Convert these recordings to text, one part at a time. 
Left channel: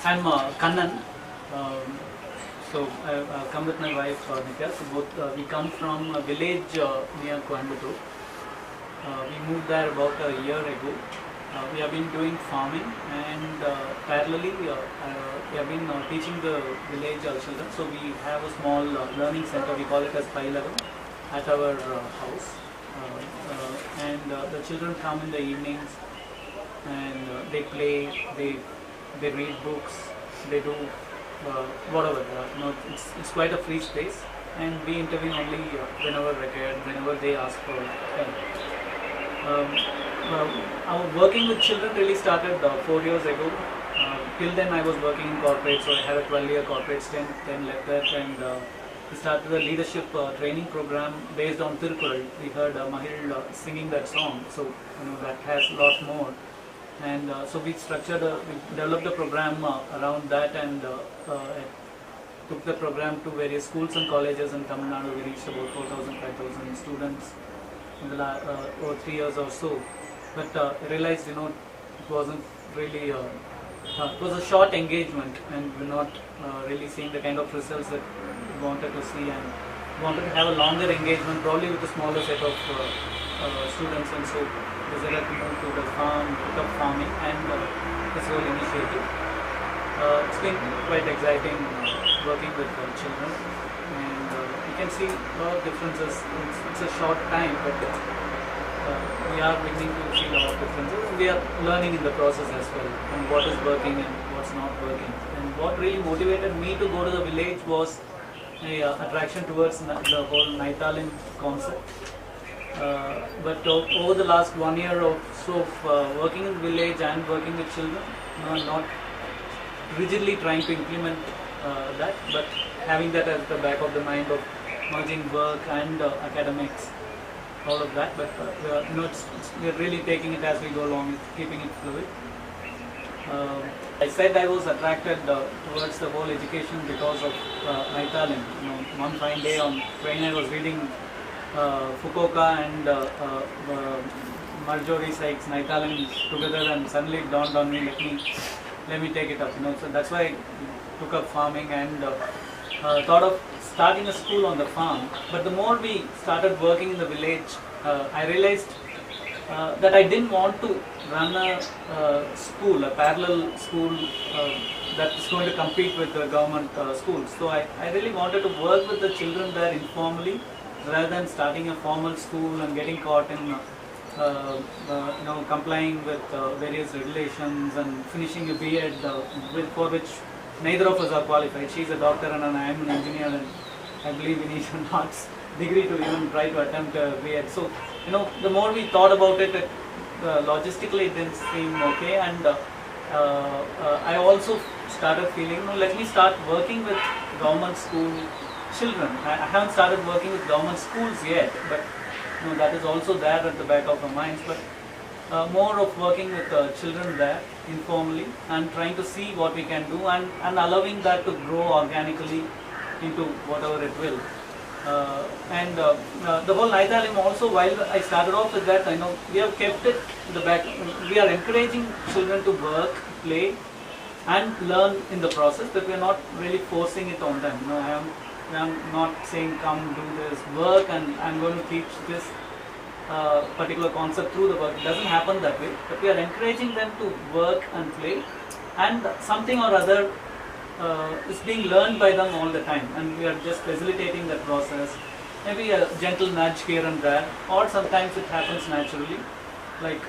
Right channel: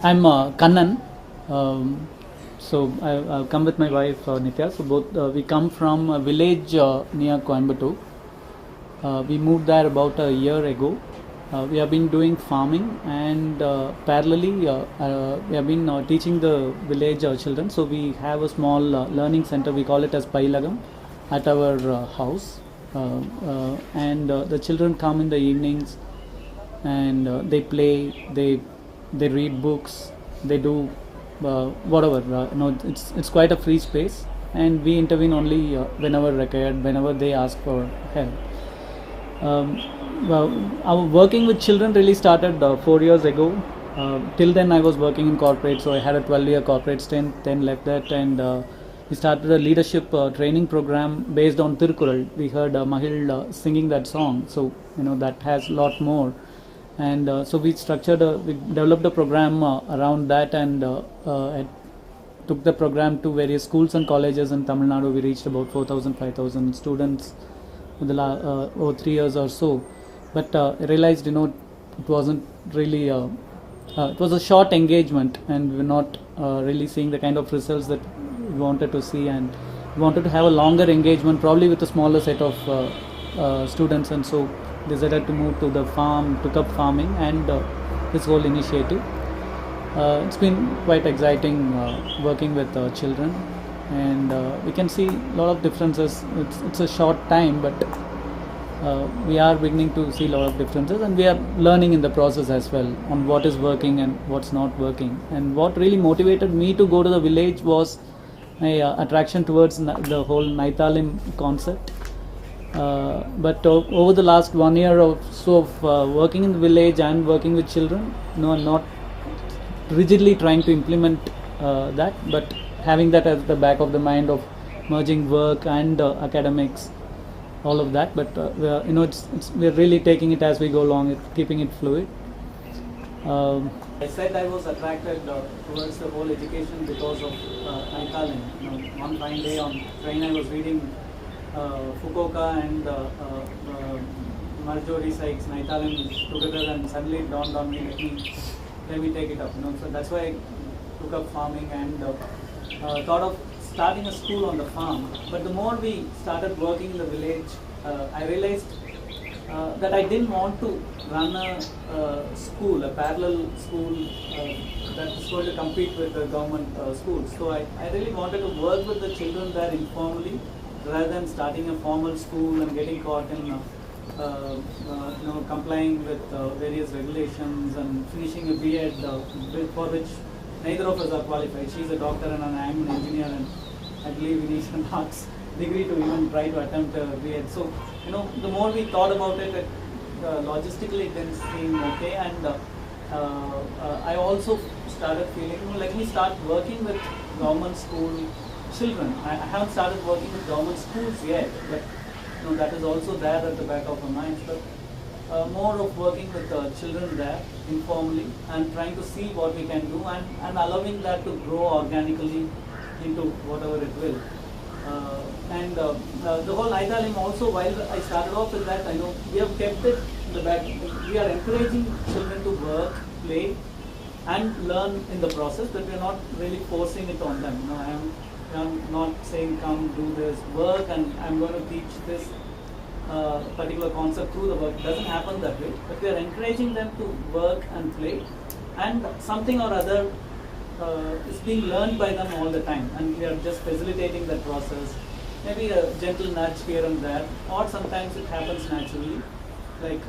I'm Kannan. Um, I've come with my wife Nitya. So both we come from a village near Coimbatore. We moved there about a year ago. We have been doing farming and parallelly we have been teaching the village children. So we have a small learning center. We call it as Pailagam at our house. And the children come in the evenings and they play, they read books, they do whatever. It's quite a free space, and we intervene only whenever required, whenever they ask for help. Um, well, our working with children really started 4 years ago. Till then, I was working in corporate, so I had a 12-year corporate stint. Then left that, and we started a leadership training program based on Tirukkural. We heard Mahil singing that song, so that has a lot more. And so we developed a program around that, and I took the program to various schools and colleges in Tamil Nadu. We reached about 4,000, 5,000 students in the over 3 years or so. But I realized, it wasn't really. It was a short engagement, and we were not really seeing the kind of results that we wanted to see, and we wanted to have a longer engagement, probably with a smaller set of students, and so decided to move to the farm, took up farming, and this whole initiative. It's been quite exciting working with children, and we can see a lot of differences. It's a short time, but we are beginning to see a lot of differences, and we are learning in the process as well on what is working and what's not working. And what really motivated me to go to the village was my attraction towards the whole Naithalim concept. But over the last 1 year or so of working in the village and working with children, not rigidly trying to implement that, but having that at the back of the mind of merging work and academics, all of that. But we're really taking it as we go along, keeping it fluid. I said I was attracted towards the whole education because of Naithalim. One fine day on train, I was reading Fukuoka and Marjorie Sykes, Naithalim together, and suddenly it dawned on me, let me take it up. So that's why I took up farming and thought of starting a school on the farm. But the more we started working in the village, I realized that I didn't want to run a school, a parallel school that is going to compete with the government schools. So I really wanted to work with the children there informally, rather than starting a formal school and getting caught in complying with various regulations and finishing a B.Ed for which neither of us are qualified. She's a doctor and I am an engineer, and I believe we need an arts degree to even try to attempt a B.Ed. So the more we thought about it, logistically it didn't seem okay, and I also started feeling, let me start working with government school children. I haven't started working with government schools yet, but that is also there at the back of our minds. But more of working with children there informally and trying to see what we can do, and allowing that to grow organically into whatever it will. And the whole Naithalim also, while I started off with that, I know we have kept it in the back. We are encouraging children to work, play, and learn in the process, but we are not really forcing it on them. I'm not saying come do this work and I'm going to teach this particular concept through the work. It doesn't happen that way, but we are encouraging them to work and play, and something or other is being learned by them all the time, and we are just facilitating that process. Maybe a gentle nudge here and there, or sometimes it happens naturally, like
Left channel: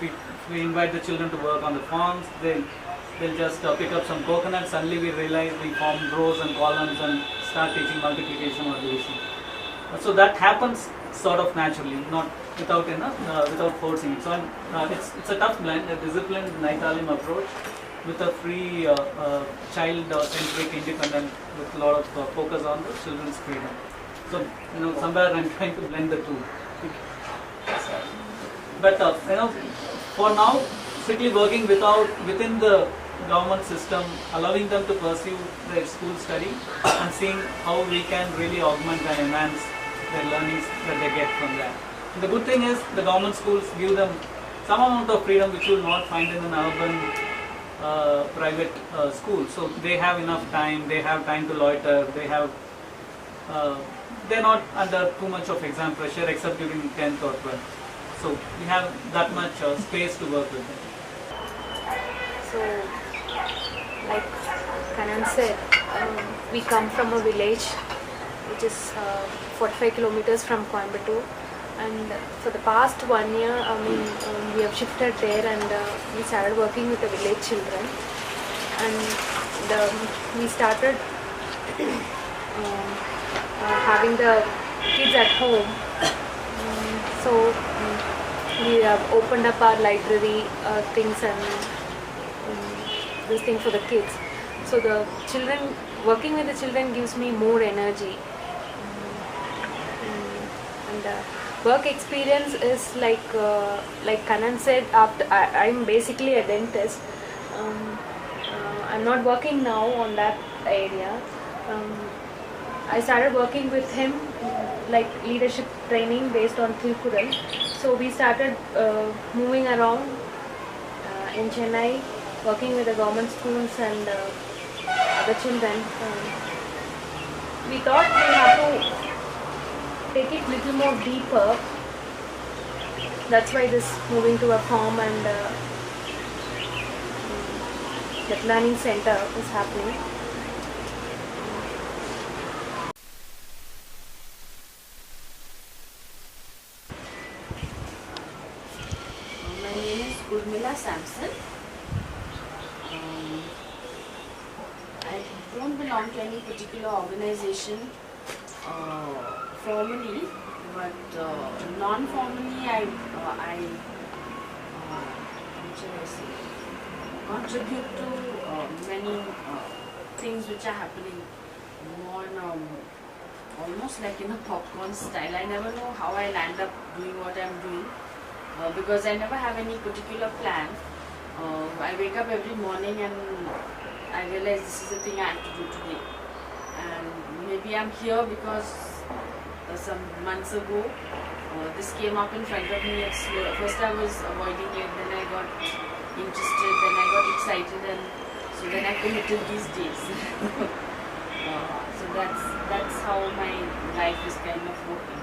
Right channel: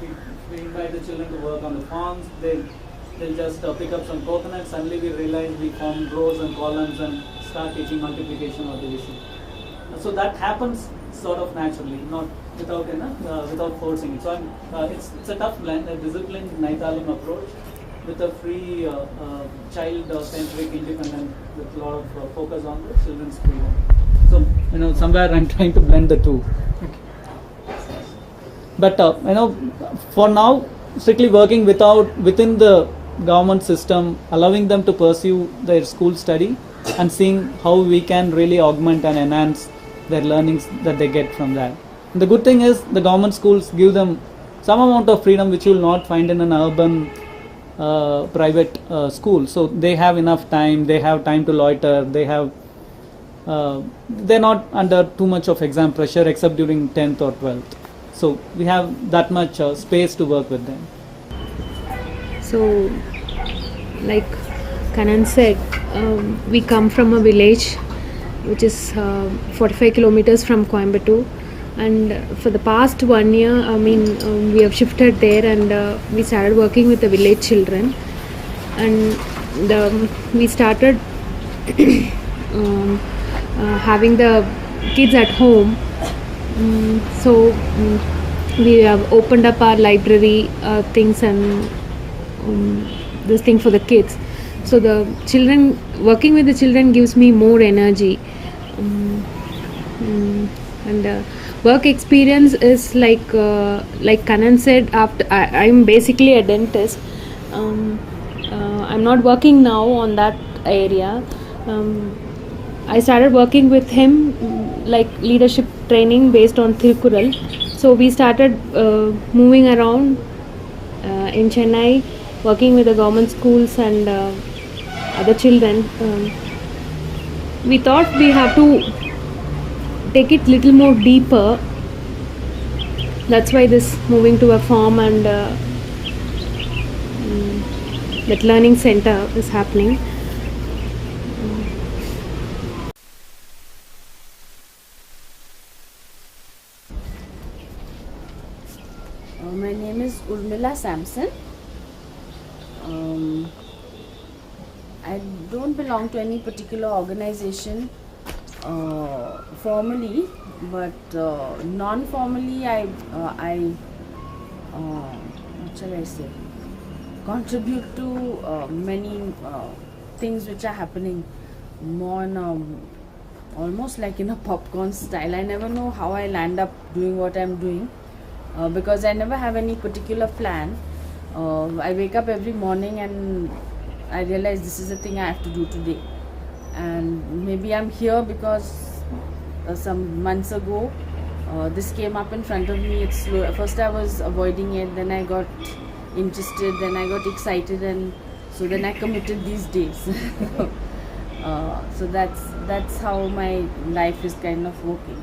if we invite the children to work on the farms, they'll just pick up some coconuts. Suddenly we realize we form rows and columns and start teaching multiplication or division. So that happens sort of naturally, not without forcing it. So it's a tough blend, a disciplined Naithalim approach with a free child-centric independent, with a lot of focus on the children's freedom. So somewhere I'm trying to blend the two. But for now, strictly working within the government system, allowing them to pursue their school study and seeing how we can really augment and enhance their learnings that they get from that. And the good thing is the government schools give them some amount of freedom which you will not find in an urban private school, so they have enough time. They have time to loiter. They're not under too much of exam pressure except during 10th or 12th. So we have that much space to work with them. So, like Kanan said, we come from a village which is 45 kilometers from Coimbatore, and for the past 1 year, we have shifted there, and we started working with the village children, and we started having the kids at home. We have opened up our library things and this thing for the kids. So the children, working with the children gives me more energy. And work experience is like Kanan said. After I'm basically a dentist. I'm not working now on that area. I started working with him like leadership training based on Thirukural. So we started moving around in Chennai, working with the government schools and other children. We thought we have to take it little more deeper. That's why this moving to a farm and that learning center is happening. My name is Urmila Sampson. I don't belong to any particular organization formally, but non-formally what shall I say, contribute to many things which are happening more almost like in a popcorn style. I never know how I'll end up doing what I'm doing. Because I never have any particular plan. I wake up every morning and I realize this is the thing I have to do today. And maybe I'm here because some months ago this came up in front of me. It's slow. First I was avoiding it, then I got interested, then I got excited, and so then I committed these days. So that's how my life is kind of working.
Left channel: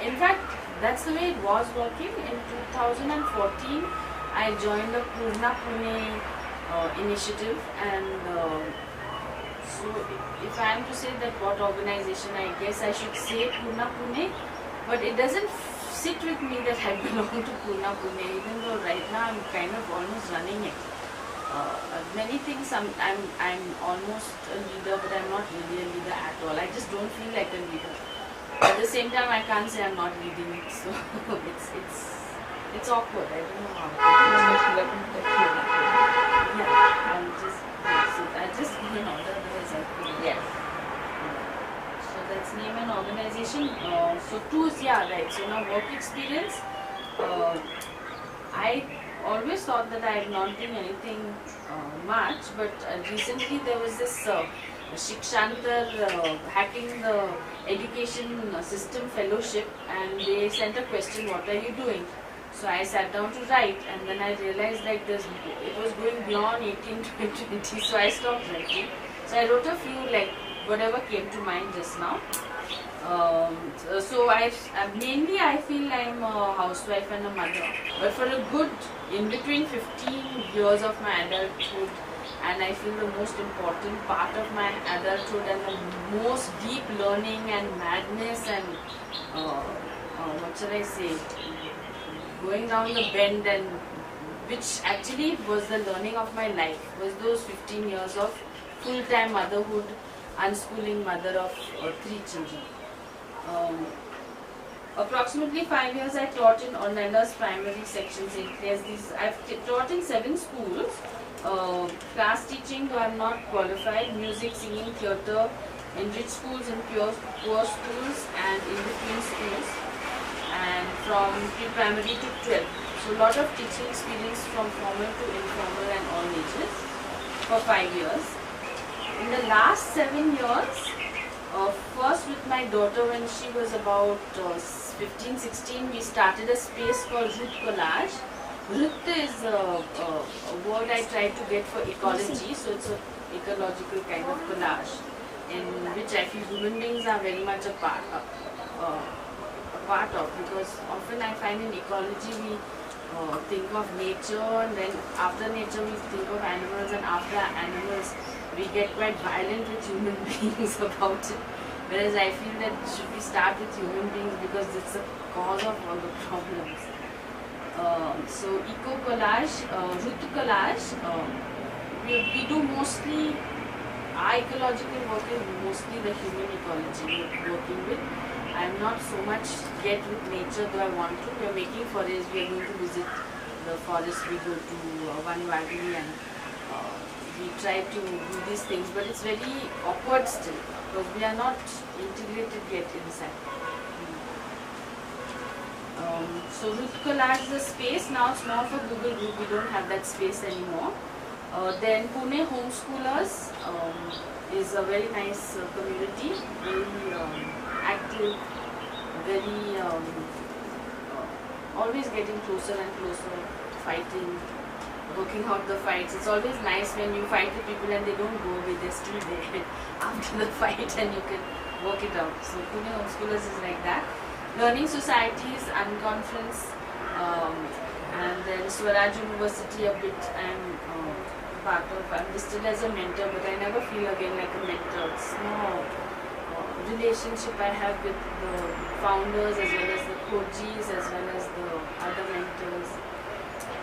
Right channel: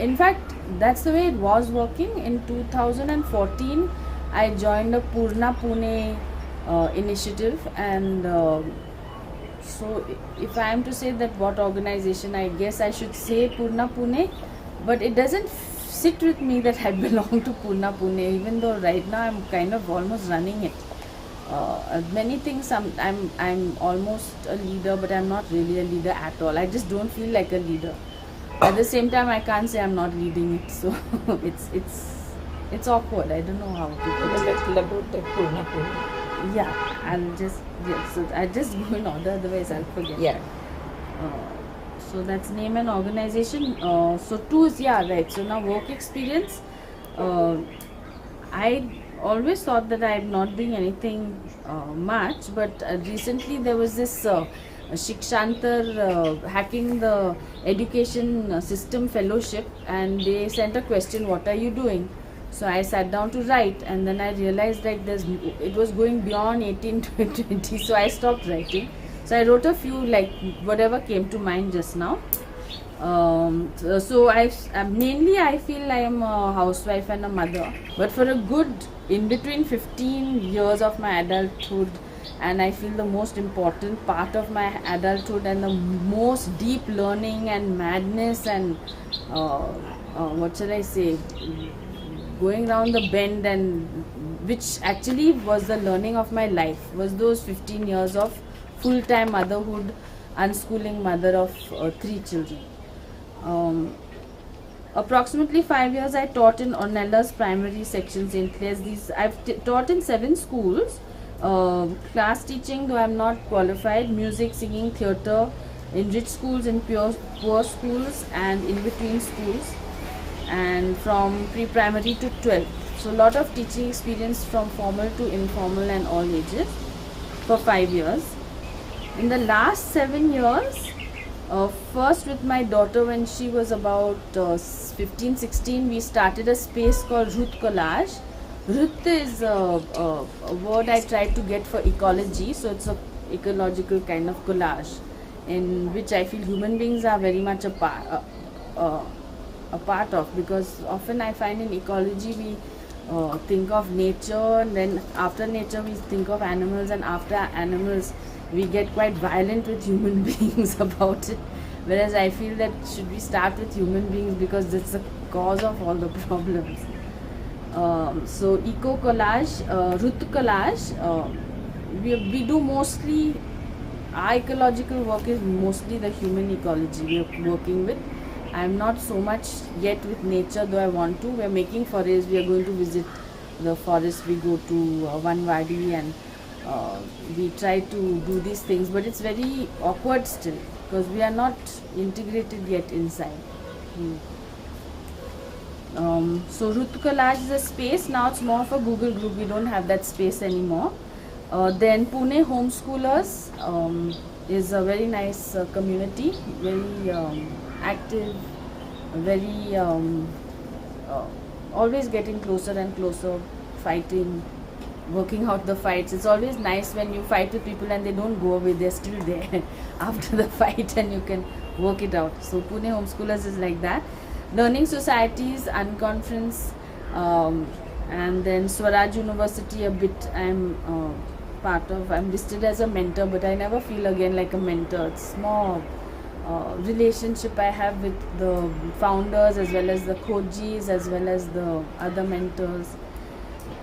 In fact, that's the way it was working. In 2014, I joined the Purna Pune initiative, and so if I am to say that what organization, I guess I should say Purna Pune, but it doesn't sit with me that I belong to Purna Pune, even though right now I'm kind of almost running it. Many things I'm almost a leader, but I'm not really a leader at all. I just don't feel like a leader. At the same time, I can't say I'm not leading it, so it's awkward. I don't know how to put it. I just go in order, otherwise I couldn't. Yeah. So that's name and organization. So two is right. So now work experience. I always thought that I had not been anything much, but recently there was this Shikshantar hacking the education system fellowship, and they sent a question, what are you doing? So I sat down to write, and then I realized that it was going beyond 18 to 20, so I stopped writing. So I wrote a few, like whatever came to mind just now. So I feel I am a housewife and a mother, but for a good in between 15 years of my adulthood, and I feel the most important part of my adulthood and the most deep learning and madness and what should I say, going down the bend, and which actually was the learning of my life, was those 15 years of full-time motherhood, unschooling mother of 3 children. Approximately 5 years I taught in Ornelas primary section, St. Clair's. I've taught in 7 schools. Class teaching, though I am not qualified, music, singing, theatre, in rich schools, in poor schools, and in between schools, and from pre-primary to 12. So a lot of teaching experience from formal to informal and all ages for 5 years. In the last 7 years, First, with my daughter, when she was about 15, 16, we started a space called Root Collage. Root is a word I tried to get for ecology, so it's a ecological kind of collage, in which I feel human beings are very much a part of, because often I find in ecology we think of nature, and then after nature we think of animals, and after animals we get quite violent with human beings about it. Whereas I feel that should we start with human beings, because it's the cause of all the problems. So eco collage, Root Collage, we do mostly, our ecological work is mostly the human ecology we're working with. I'm not so much yet with nature, though I want to. We're making forests, we are going to visit the forest, we go to One Wadi, and we try to do these things, but it's very awkward still, because we are not integrated yet inside. So Root Collage is a space, now it's more of a Google group, we don't have that space anymore. Then Pune Homeschoolers is a very nice community, very active, very always getting closer and closer, fighting, working out the fights. It's always nice when you fight with people and they don't go away, they're still there after the fight, and you can work it out. So Pune Homeschoolers is like that. Learning Societies, Unconference, and then Swaraj University a bit I'm part of. I'm listed as a mentor, but I never feel again like a mentor. It's more relationship I have with the founders, as well as the coaches, as well as the other mentors,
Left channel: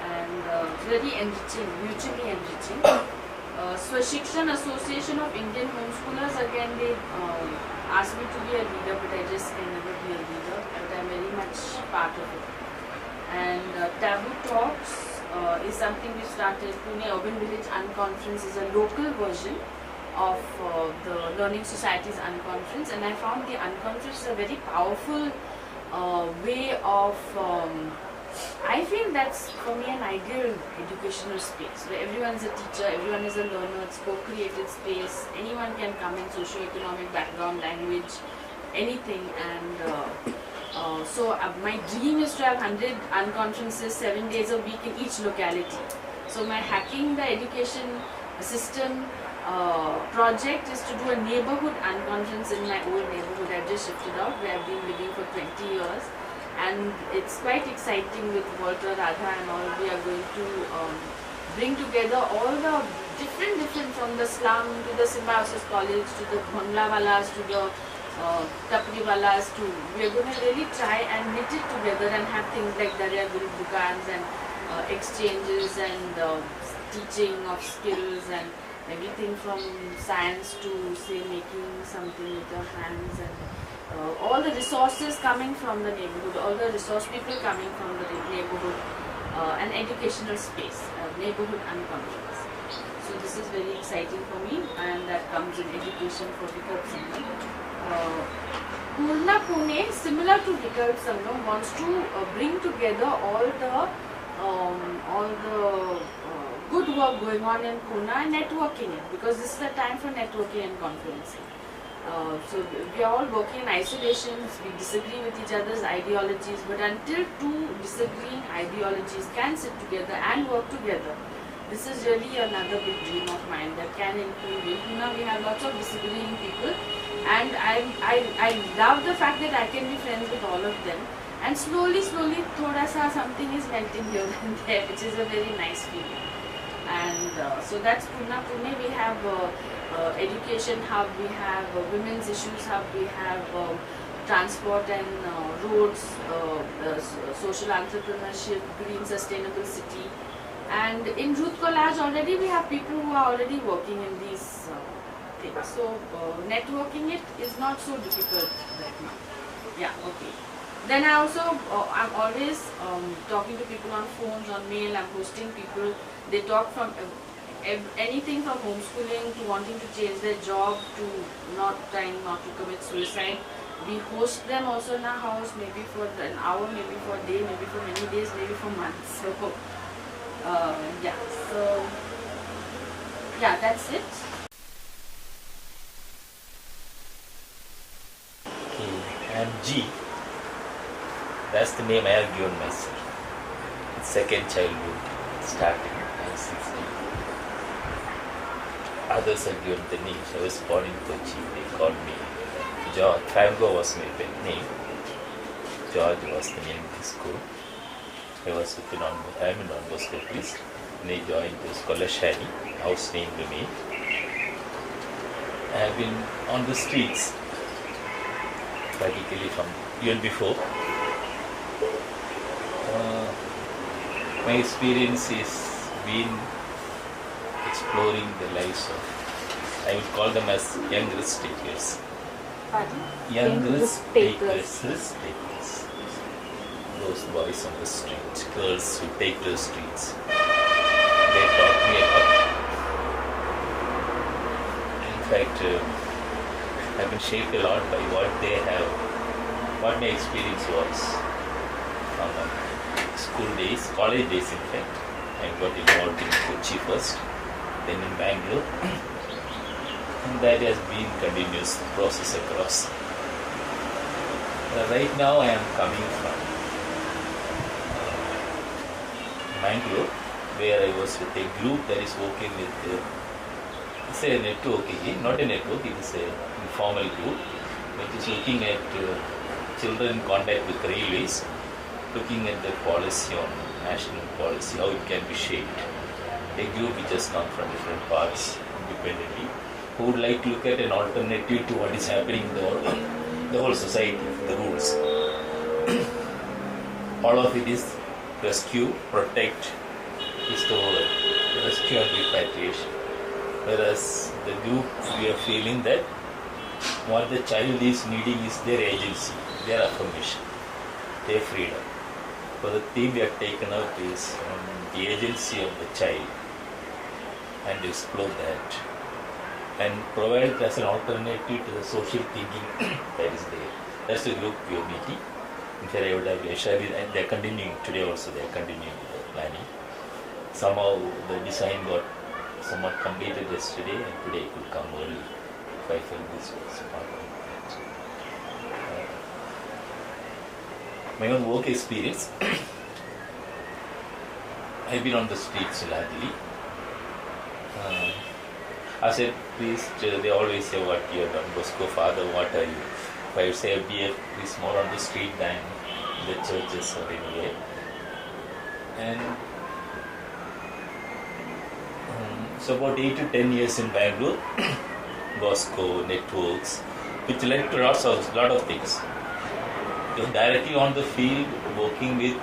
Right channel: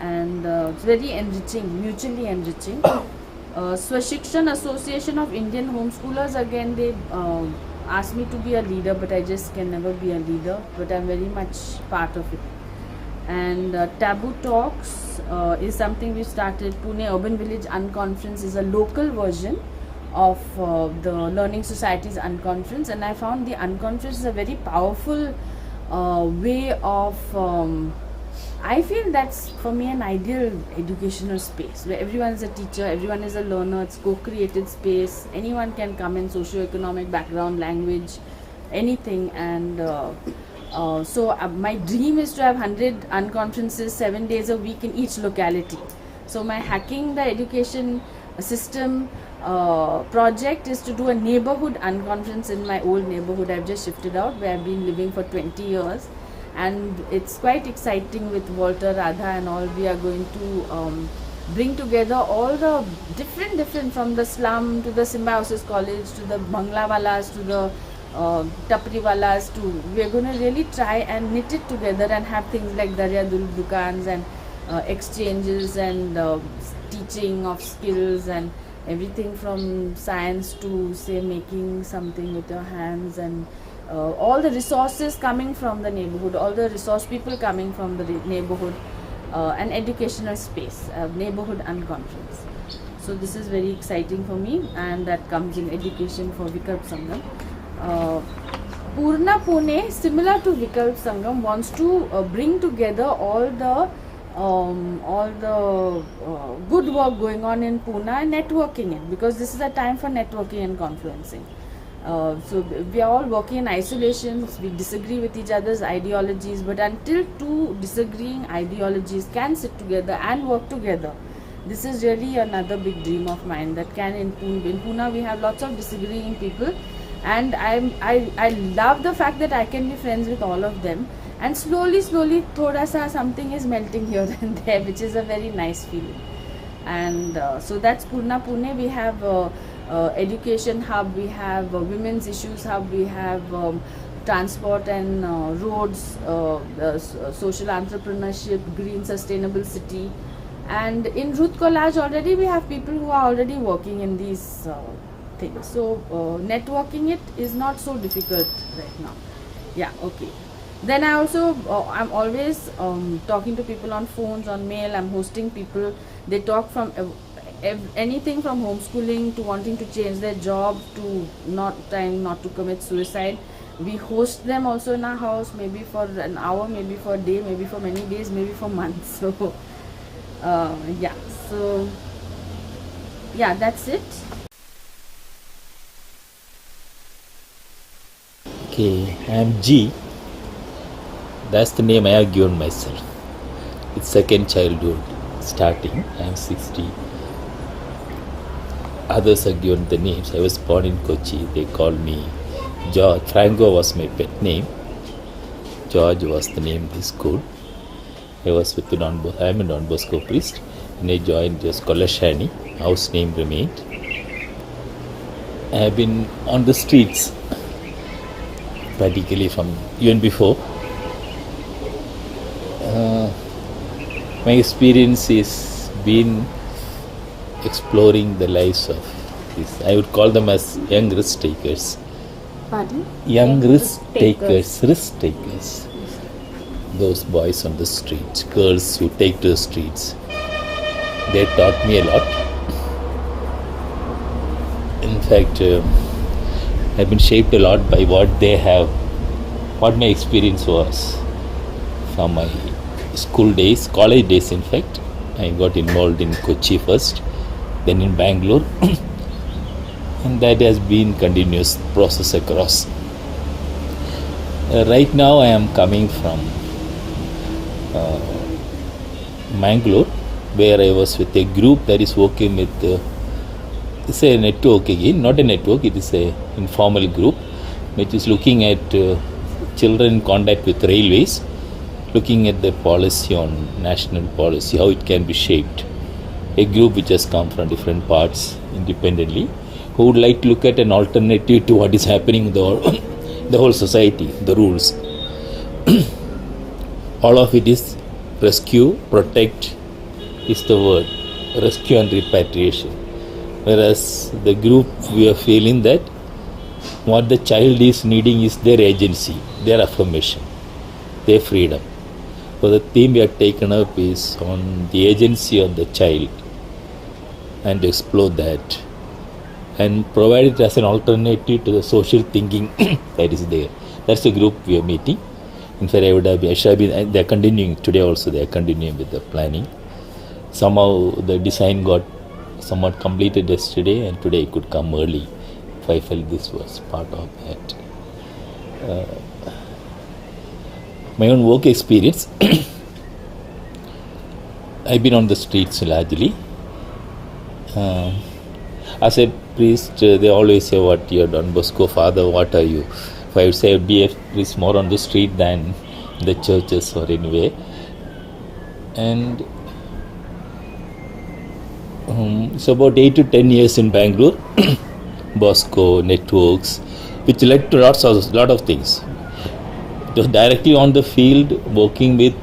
and it's very enriching, mutually enriching. Swashikshan, Association of Indian Homeschoolers, again they asked me to be a leader, but I just can never be a leader, but I'm very much part of it. And Taboo Talks is something we started. Pune Urban Village Unconference is a local version of the Learning Societies Unconference, and I found the Unconference is a very powerful way of I feel that's for me an ideal educational space where everyone is a teacher, everyone is a learner. It's co-created space, anyone can come in, socio-economic background, language, anything. And so my dream is to have 100 unconferences 7 days a week in each locality. So my Hacking the Education System project is to do a neighborhood unconference in my old neighborhood. I've just shifted out, where I've been living for 20 years, and it's quite exciting with Walter, Radha and all. We are going to bring together all the different from the slum to the Symbiosis College to the Banglawalas to the Tapriwalas to, we're going to really try and knit it together and have things like Darya Gul Dukans and exchanges and teaching of skills and everything from science to say making something with your hands, and all the resources coming from the neighborhood, all the resource people coming from the neighborhood, an educational space, a neighborhood unconference. So this is very exciting for me, and that comes in education for Vikalp Sangam. Purna Pune, similar to Vikalp Sangam, wants to bring together all the good work going on in Pune and networking it, because this is a time for networking and conferencing. So we are all working in isolation, we disagree with each other's ideologies, but until two disagreeing ideologies can sit together and work together, this is really another big dream of mine that can improve. In Pune we have lots of disagreeing people, and I love the fact that I can be friends with all of them, and slowly thoda sa something is melting here and there, which is a very nice feeling. And so that's Purna Pune. We have education hub, we have women's issues hub, we have transport and roads, social entrepreneurship, green sustainable city. And in Root Collage already we have people who are already working in these things. So networking it is not so difficult right now. Yeah, okay. Then I also, I'm always talking to people on phones, on mail. I'm hosting people. They talk from anything from homeschooling to wanting to change their job to trying not to commit suicide. We host them also in our house, maybe for an hour, maybe for a day, maybe for many days, maybe for months. So yeah, that's it. Okay, I am G. That's the name I have given myself. It's second childhood starting. I am 60. Others have given the names. I was born in Kochi. They called me George. Franco was my pet name. George was the name of the school. I was with the I am a Don Bosco priest. And I joined just Kolashani. House name remained. I have been on the streets, particularly from even before. My experience is been exploring the lives of these, I would call them as young risk takers. Pardon? Young risk takers. Those boys on the streets, girls who take to the streets. They taught me a lot. In fact, I've been shaped a lot by what my experience was from my school days, college days in fact. I got involved in Kochi first, then in Bangalore, and that has been continuous process across. Right now I am coming from Mangalore, where I was with a group that is working with it's a network again, not a network, it is a informal group which is looking at children in contact with railways, looking at the policy on national policy, how it can be shaped. A group which has come from different parts independently, who would like to look at an alternative to what is happening in the whole society, the rules. All of it is rescue, protect is the word, rescue and repatriation. Whereas the group, we are feeling that what the child is needing is their agency, their affirmation, their freedom. So the theme we have taken up is on the agency of the child and to explore that and provide it as an alternative to the social thinking that is there. That's the group we are meeting. In fact, they are continuing today also, they are continuing with the planning. Somehow the design got somewhat completed yesterday and today it could come early. So I felt this was part of that. My own work experience, I've been on the streets largely. As a priest, they always say, what you're Don Bosco father, what are you? If I would say be a priest more on the street than the churches or anywhere. And so about 8 to 10 years in Bangalore, Bosco, networks, which led to lot of things. Just directly on the field, working with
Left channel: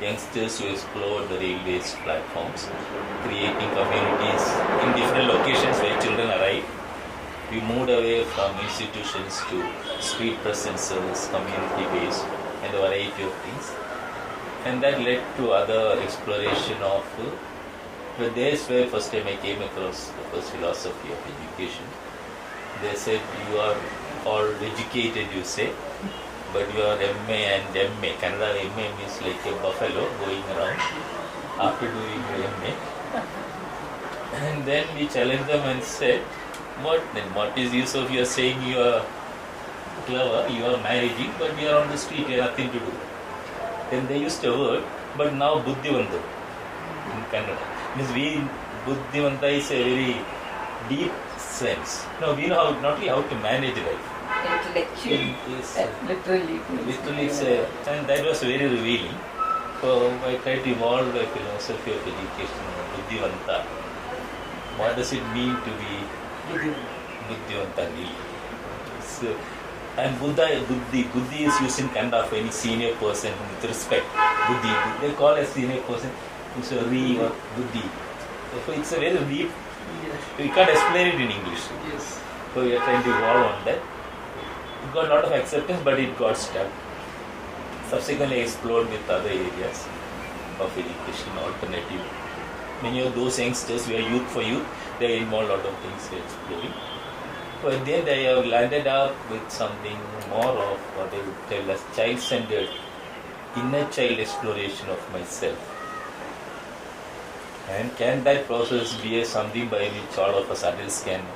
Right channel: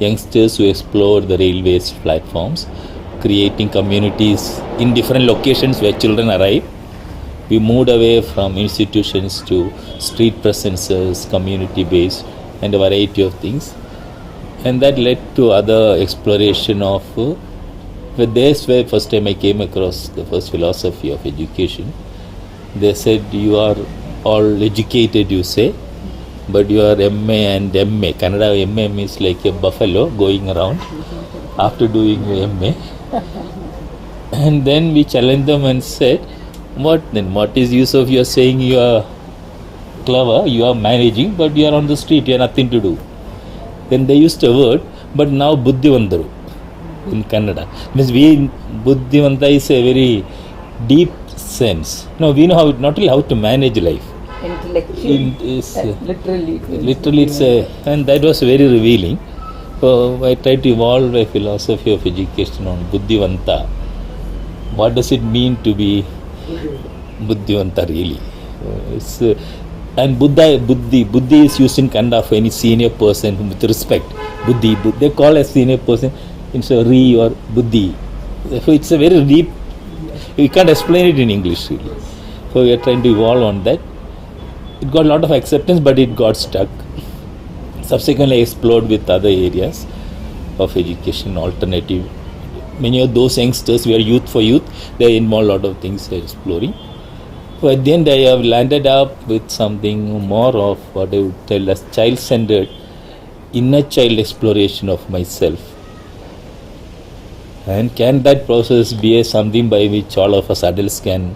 youngsters who explore the railways platforms, creating communities in different locations where children arrive. We moved away from institutions to street presences, community-based, and a variety of things. And that led to other exploration of but that's where first time I came across the first philosophy of education. They said, you are all educated, you say, but you are MA and MA. Kannada MA means like a buffalo going around after doing MA. And then we challenged them and said, what then? What is use of you are saying you are clever, you are managing, but you are on the street, you have nothing to do. Then they used a word, but now Buddhivantaru in Kannada. Means Buddhivanta is a very deep sense. No, we know not only how to manage life. Intellectually. Literally it's and that was very revealing. So I tried to evolve a philosophy of education on Buddhivanta. What does it mean to be Buddhivanta really? And Buddhi is used in Kannada of any senior person with respect. Buddhi, they call a senior person it's a Re or Buddhi. So it's a very deep, we can't explain it in English. Yes. So we are trying to evolve on that. It got a lot of acceptance, but it got stuck. Subsequently, I explored with other areas of education, alternative. Many of those youngsters, we are youth for youth, they involve a lot of things they are exploring. So at the end, I have landed up with something more of what I would tell as child-centered, inner child exploration of myself. And can that process be something by which all of us adults can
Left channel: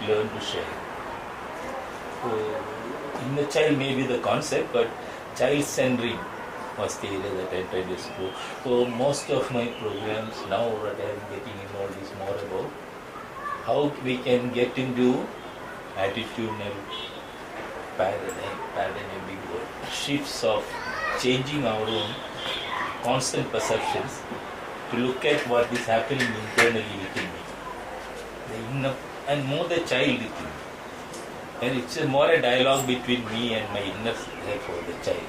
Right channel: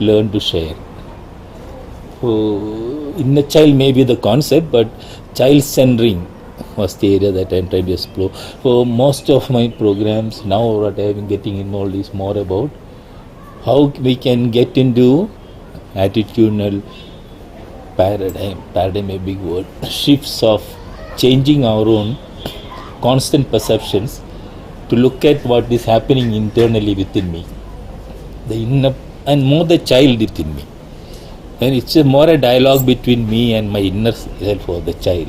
learn to share? Inner child may be the concept, but child centering was the area that I tried to explore. For most of my programs now, what I am getting involved is more about how we can get into attitudinal paradigm a big word, shifts of changing our own constant perceptions to look at what is happening internally within me, the inner and more the child within me. And it's more a dialogue between me and my inner self or the child.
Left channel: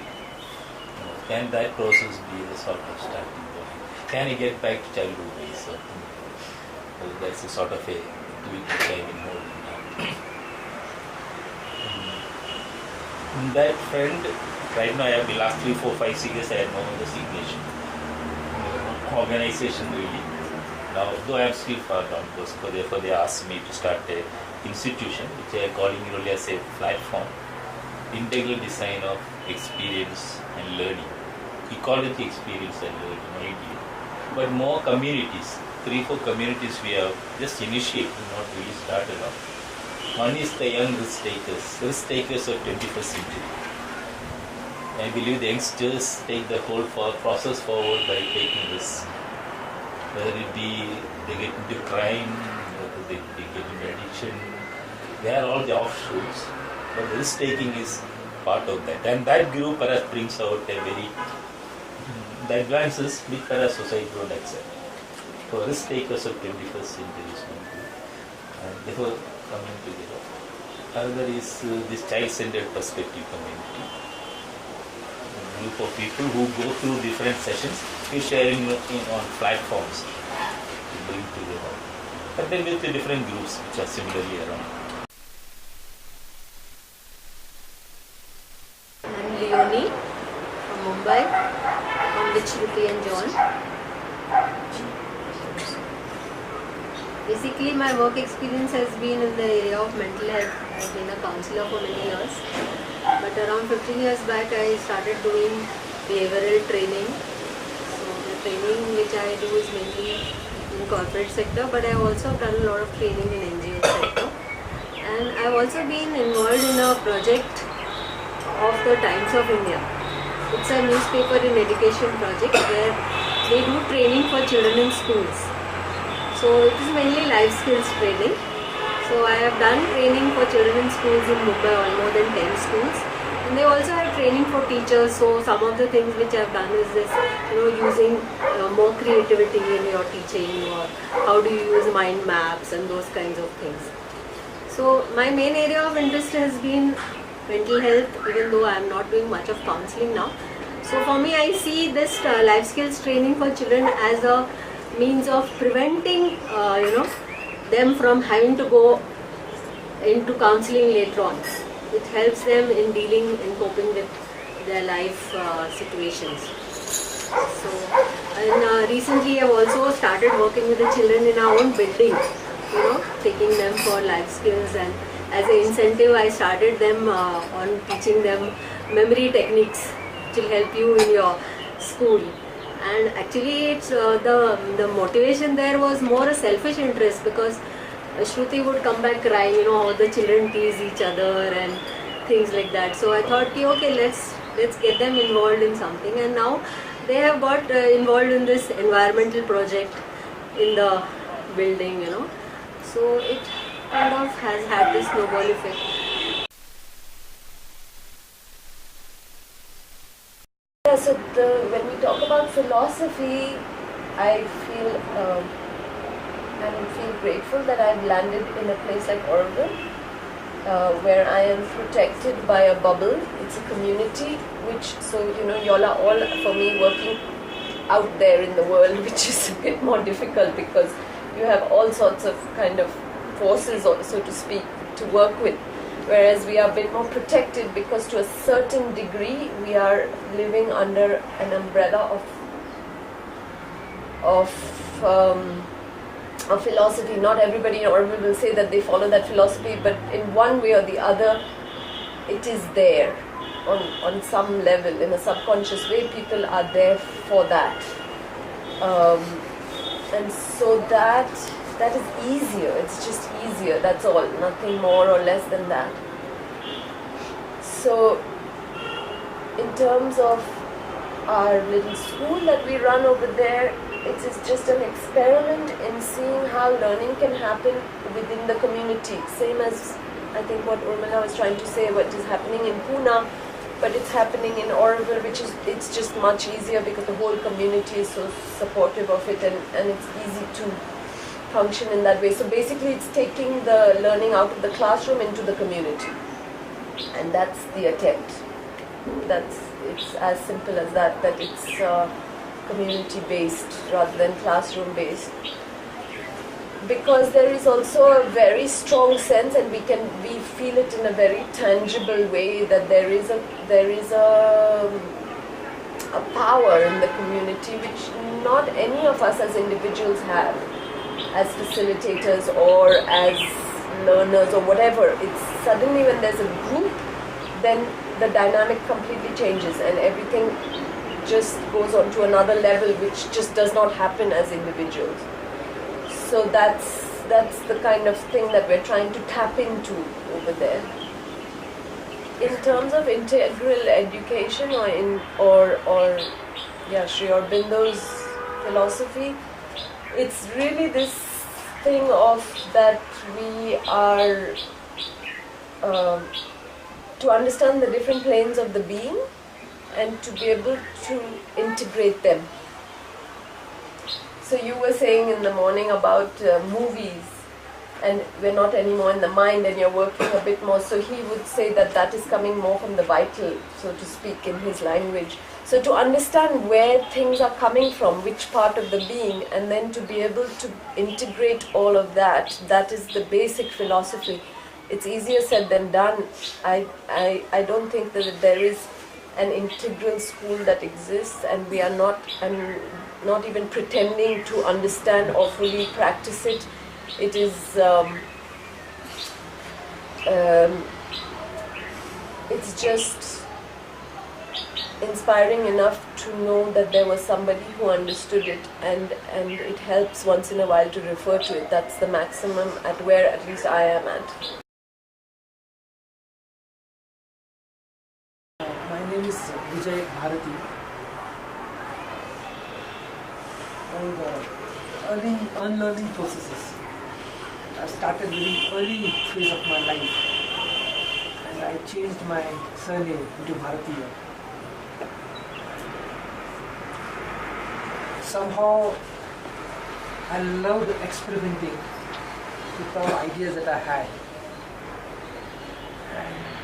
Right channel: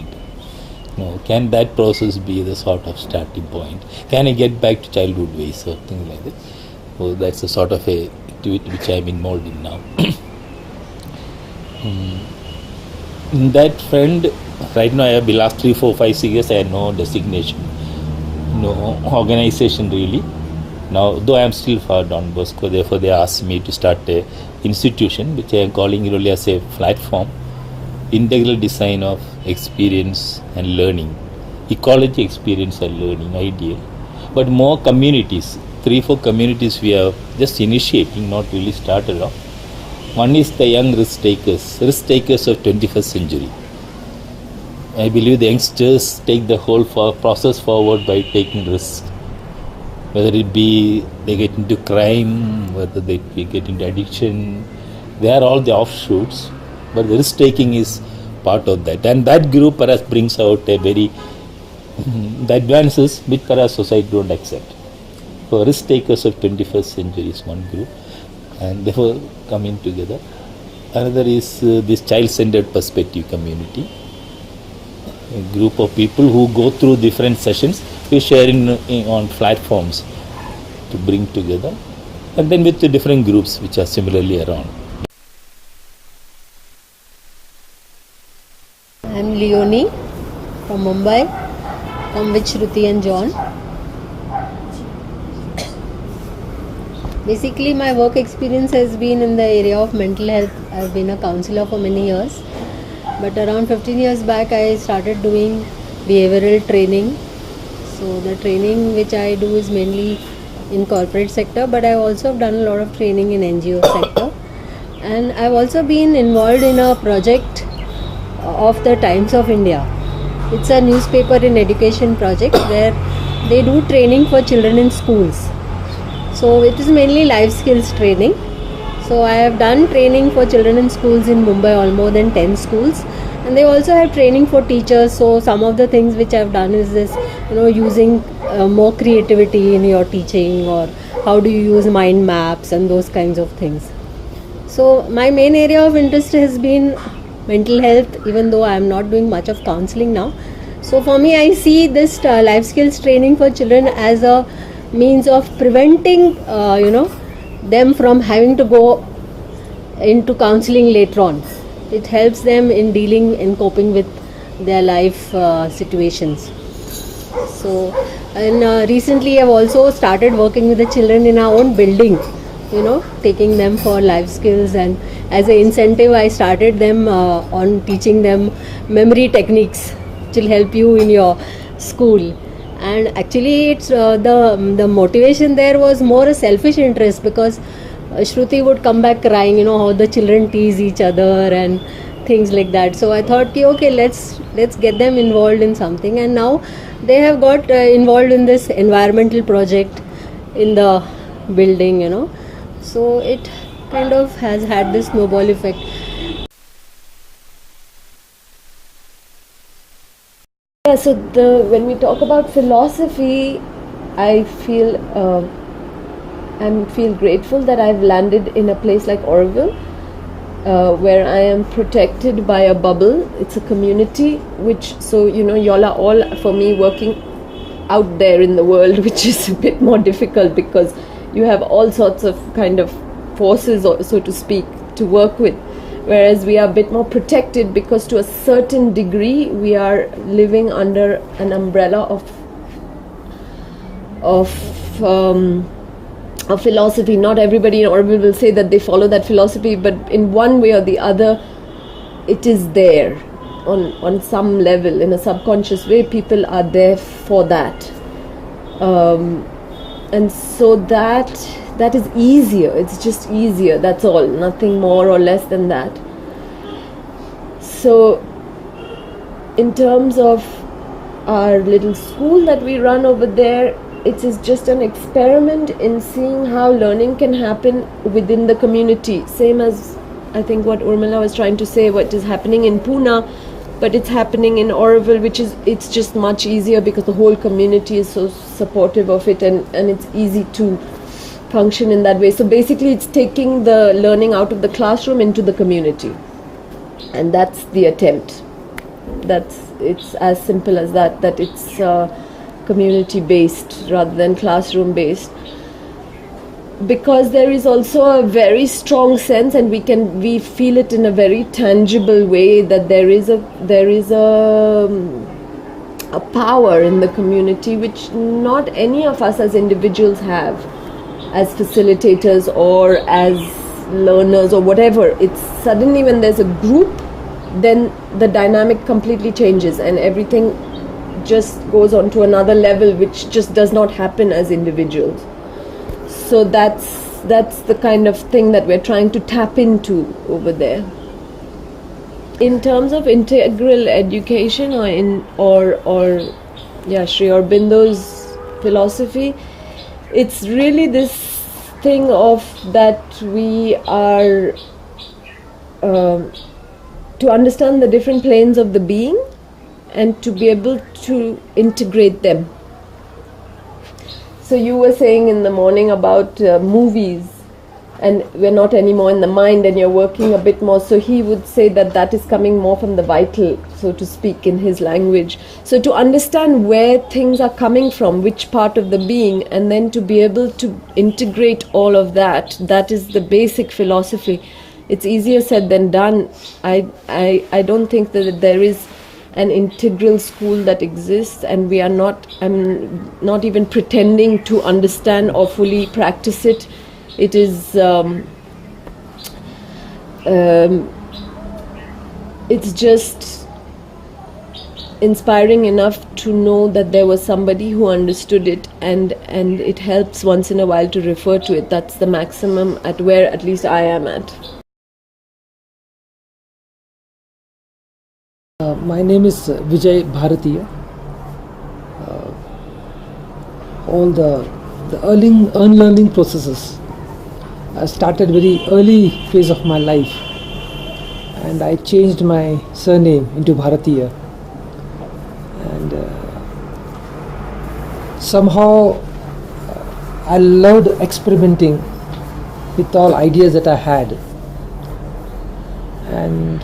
Can that process be the sort of starting point? Can I get back to childhood ways or things like that? So that's a sort of a activity which I'm involved in now. That friend, right now I have the last 3, 4, 5, 6 years I have no designation, no organization really. Now, though I am still for Don Bosco, therefore they asked me to start a institution which I am calling really as a platform, integral design of experience and learning, ecology, experience and learning idea, but more communities, 3, 4 communities we are just initiating, not really started off. One is the young risk takers of 21st century. I believe the youngsters take the whole process forward by taking risks. Whether it be they get into crime, whether they get into addiction, they are all the offshoots. But the risk taking is part of that. And that group perhaps brings out a very the advances which perhaps society don't accept. So risk takers of 21st century is one group. And therefore coming together. Another is this child-centered perspective community. A group of people who go through different sessions, we share on platforms to bring together, and then with the different groups which are similarly around. I'm Leonie from Mumbai. I'm with Shruti and John. Basically, my work experience has been in the area of mental health. I've been a counselor for many years. But around 15 years back, I started doing behavioral training. So the training which I do is mainly in corporate sector, but I've also done a lot of training in NGO sector. And I've also been involved in a project of the Times of India. It's a newspaper in education project where they do training for children in schools. So it is mainly life skills training. So I have done training for children in schools in Mumbai, all more than 10 schools. And they also have training for teachers. So some of the things which I've done is this, using more creativity in your teaching, or how do you use mind maps and those kinds of things. So my main area of interest has been mental health, even though I'm not doing much of counseling now. So for me, I see this life skills training for children as a means of preventing, them from having to go into counseling later on. It helps them in dealing and coping with their life situations. So, and recently I've also started working with the children in our own building, taking them for life skills, and as an incentive I started them on teaching them memory techniques which will help you in your school. And actually it's the motivation there was more a selfish interest, because Shruti would come back crying, how the children tease each other and things like that. So I thought, okay, let's get them involved in something. And now they have got involved in this environmental project in the building, So it kind of has had this snowball effect. Yeah, so when we talk about philosophy, I feel grateful that I've landed in a place like Oroville, where I am protected by a bubble. It's a community y'all are all, for me, working out there in the world, which is a bit more difficult because you have all sorts of kind of forces, so to speak, to work with. Whereas we are a bit more protected because to a certain degree we are living under an umbrella of philosophy. Not everybody in Oroville will say that they follow that philosophy, but in one way or the other it is there on some level. In a subconscious way, people are there for that, and so that is easier. It's just easier, that's all, nothing more or less than that. So in terms of our little school that we run over there, it is just an experiment in seeing how learning can happen within the community. Same as I think what Urmila was trying to say, what is happening in Pune, but it's happening in Oroville, it's just much easier because the whole community is so supportive of it, and it's easy to function in that way. So basically it's taking the learning out of the classroom into the community, and that's the attempt. It's as simple as that it's community based rather than classroom based, because there is also a very strong sense, and we feel it in a very tangible way, that there is a power in the community which not any of us as individuals have, as facilitators or as learners or whatever. It's suddenly when there's a group, then the dynamic completely changes and everything just goes on to another level, which just does not happen as individuals. So that's the kind of thing that we're trying to tap into over there. In terms of integral education or Sri Aurobindo's philosophy, it's really this thing of that we are to understand the different planes of the being and to be able to integrate them. So you were saying in the morning about movies, and we're not anymore in the mind and you're working a bit more. So he would say that is coming more from the vital, so to speak, in his language. So to understand where things are coming from, which part of the being, and then to be able to integrate all of that is the basic philosophy. It's easier said than done. I don't think that there is an integral school that exists, and I'm not even pretending to understand or fully practice it. It is it's just inspiring enough to know that there was somebody who understood it, and it helps once in a while to refer to it. That's the maximum at where at least I am at. My name is Vijay Bharatiya. All the unlearning processes started very early phase of my life, and I changed my surname into Bharatiya, and somehow I loved experimenting with all ideas that I had, and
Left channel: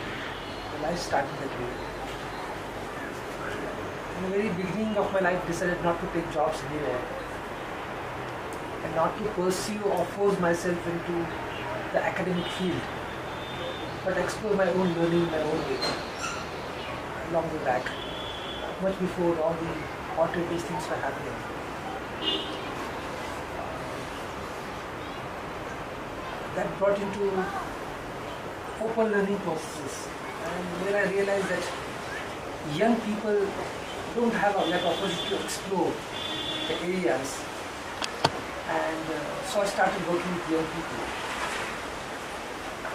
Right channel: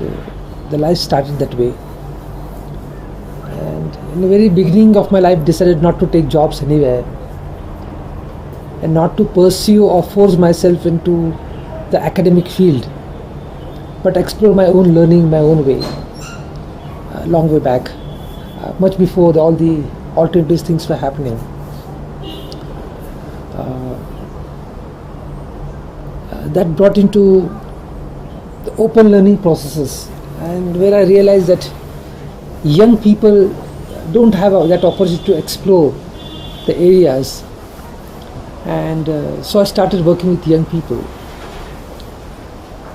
the life started that way. And in the very beginning of my life, decided not to take jobs anywhere and not to pursue or force myself into the academic field, but explore my own learning my own way, long way back, much before all the alternative things were happening. That brought into the open learning processes, and where I realized that young people don't have that opportunity to explore the areas, and so I started working with young people.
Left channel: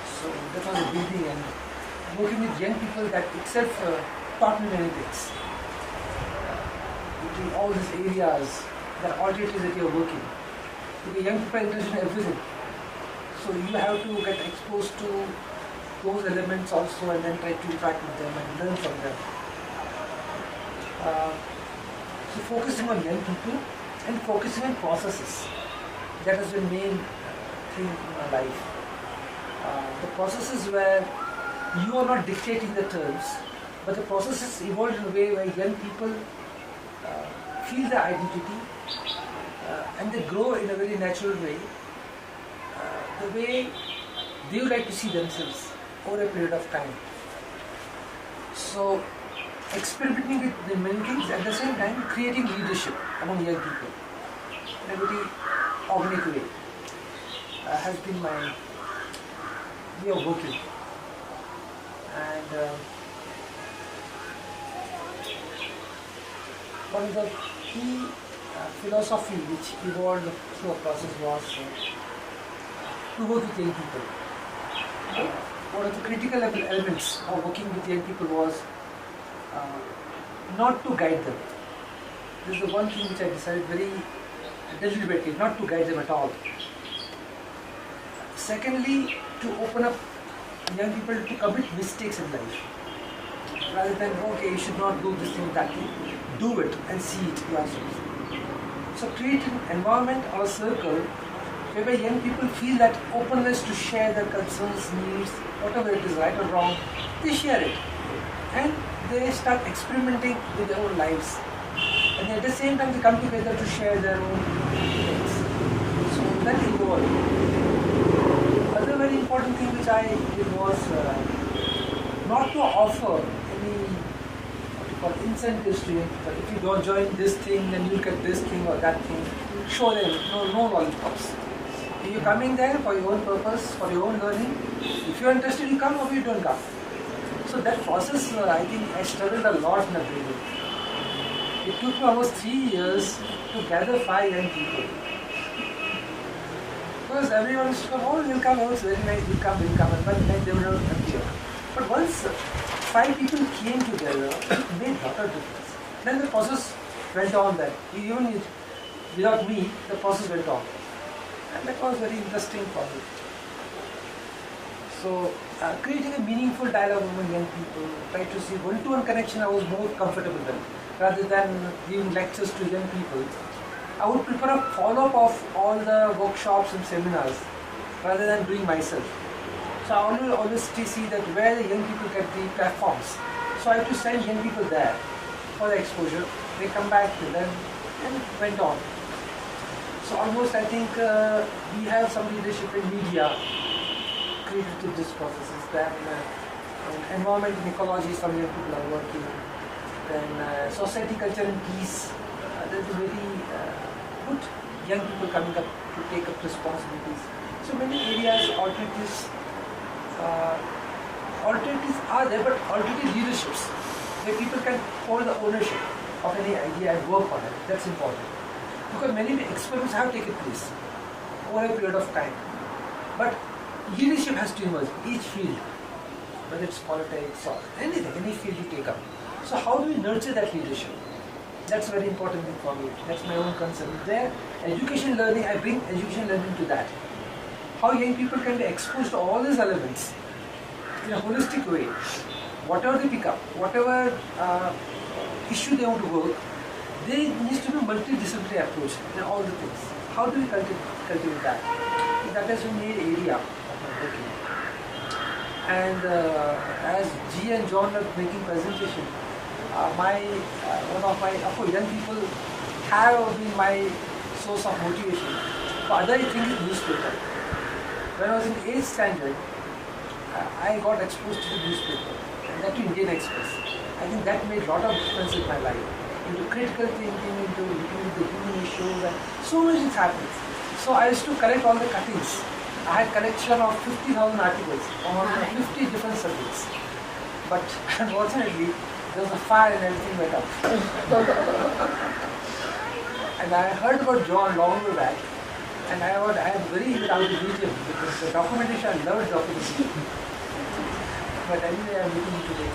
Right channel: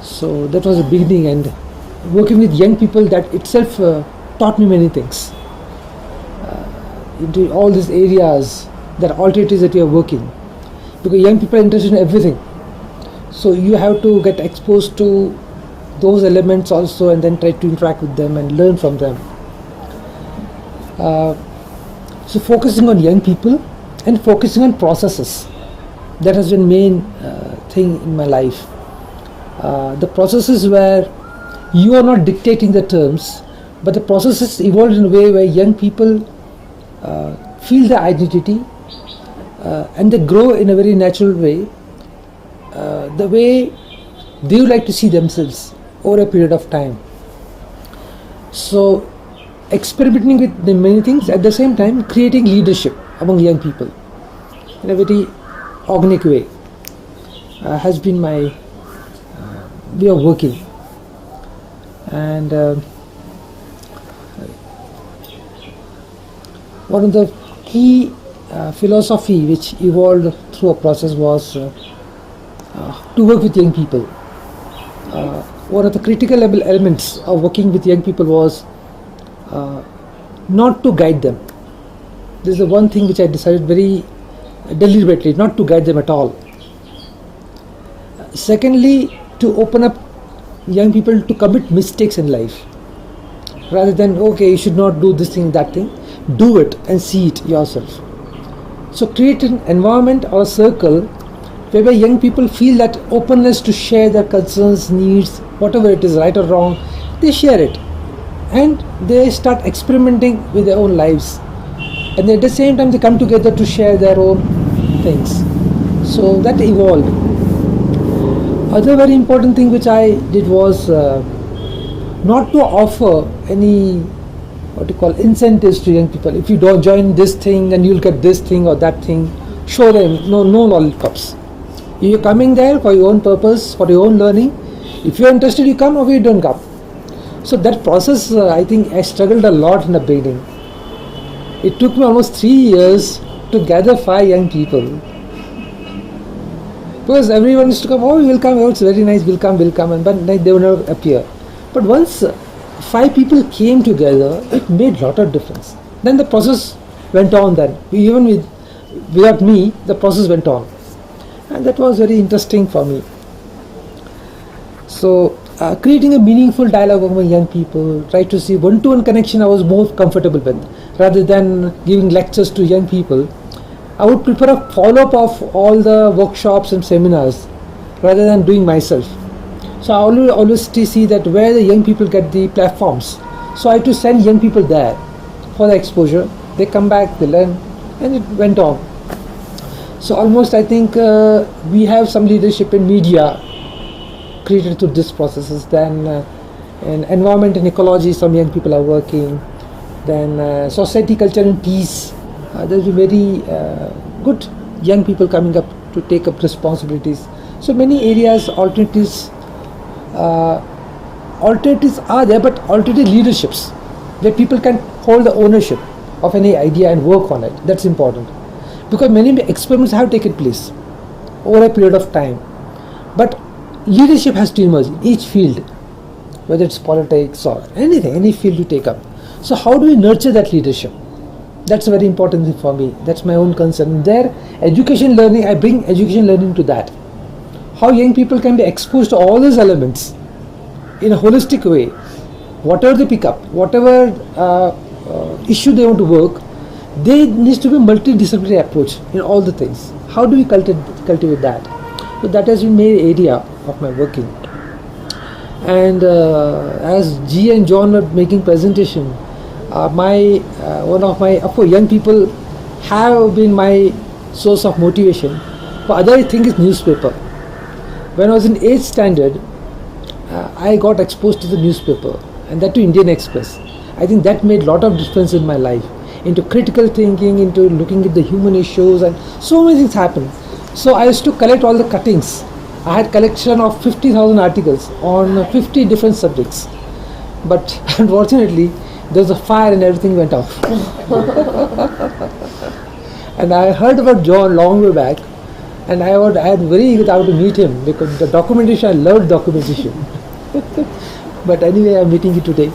So that was the beginning, and working with young people, that itself taught me many things into all these areas, that alternatives that you are working, because young people are interested in everything, so you have to get exposed to those elements also, and then try to interact with them and learn from them. So focusing on young people and focusing on processes, that has been main thing in my life. The processes where you are not dictating the terms, but the processes evolved in a way where young people feel their identity, and they grow in a very natural way, the way they would like to see themselves over a period of time. So experimenting with the many things, at the same time creating leadership among young people in a very organic way, has been my way of working. And one of the key philosophy which evolved through a process was to work with young people. one of the critical elements of working with young people was not to guide them. This is the one thing which I decided very deliberately, not to guide them at all. Secondly, to open up young people to commit mistakes in life. Rather than, okay, you should not do this thing, that thing, do it and see it yourself. So create an environment or a circle whereby young people feel that openness to share their concerns, needs, whatever it is, right or wrong, they share it. And they start experimenting with their own lives. And at the same time, they come together to share their own things. So that evolved. Other very important thing which I did was not to offer any incentives to young people. If you don't join this thing, then you'll get this thing or that thing. Show them no lollipops. You're coming there for your own purpose, for your own learning. If you're interested, you come, or you don't come. So that process, I think I struggled a lot in the beginning. It took me almost 3 years to gather 5 young people. Because everyone used to come, oh, we'll come, oh, it's very nice, we'll come, but they will never appear. But once 5 people came together, it made a lot of difference. Then the process went on then. Even without me, the process went on. And that was very interesting for me. So, creating a meaningful dialogue among young people, try to see one-to-one connection I was more comfortable with. Rather than giving lectures to young people, I would prepare a follow-up of all the workshops and seminars rather than doing myself. So I always see that where the young people get the platforms. So I had to send young people there for the exposure. They come back, they learn, and it went on. So almost I think we have some leadership in media created through this processes. Then in environment and ecology, some young people are working. Then society, culture and peace. There's very good young people coming up to take up responsibilities. So many areas, alternatives are there, but alternative leaderships where people can hold the ownership of any idea and work on it. That's important, because many experiments have taken place over a period of time, but leadership has to emerge in each field, whether it's politics or anything, any field you take up. So how do we nurture that leadership? That's a very important thing for me. That's my own concern. There, education learning, I bring education learning to that. How young people can be exposed to all these elements in a holistic way. Whatever they pick up, whatever issue they want to work, there needs to be a multidisciplinary approach in all the things. How do we cultivate that? So that has been the area of my working. And as G and John were making presentation, one of my young people have been my source of motivation. For other thing is newspaper. When I was in 8th standard, I got exposed to the newspaper, and that to Indian Express. I think that made a lot of difference in my life, into critical thinking, into looking at the human issues, and so many things happened. So I used to collect all the cuttings. I had collection of 50,000 articles on 50 different subjects. But unfortunately, there was a fire and everything went off. And I heard about John long way back, and I had very eager to meet him, because the documentation, I loved documentation. But anyway, I'm meeting you today.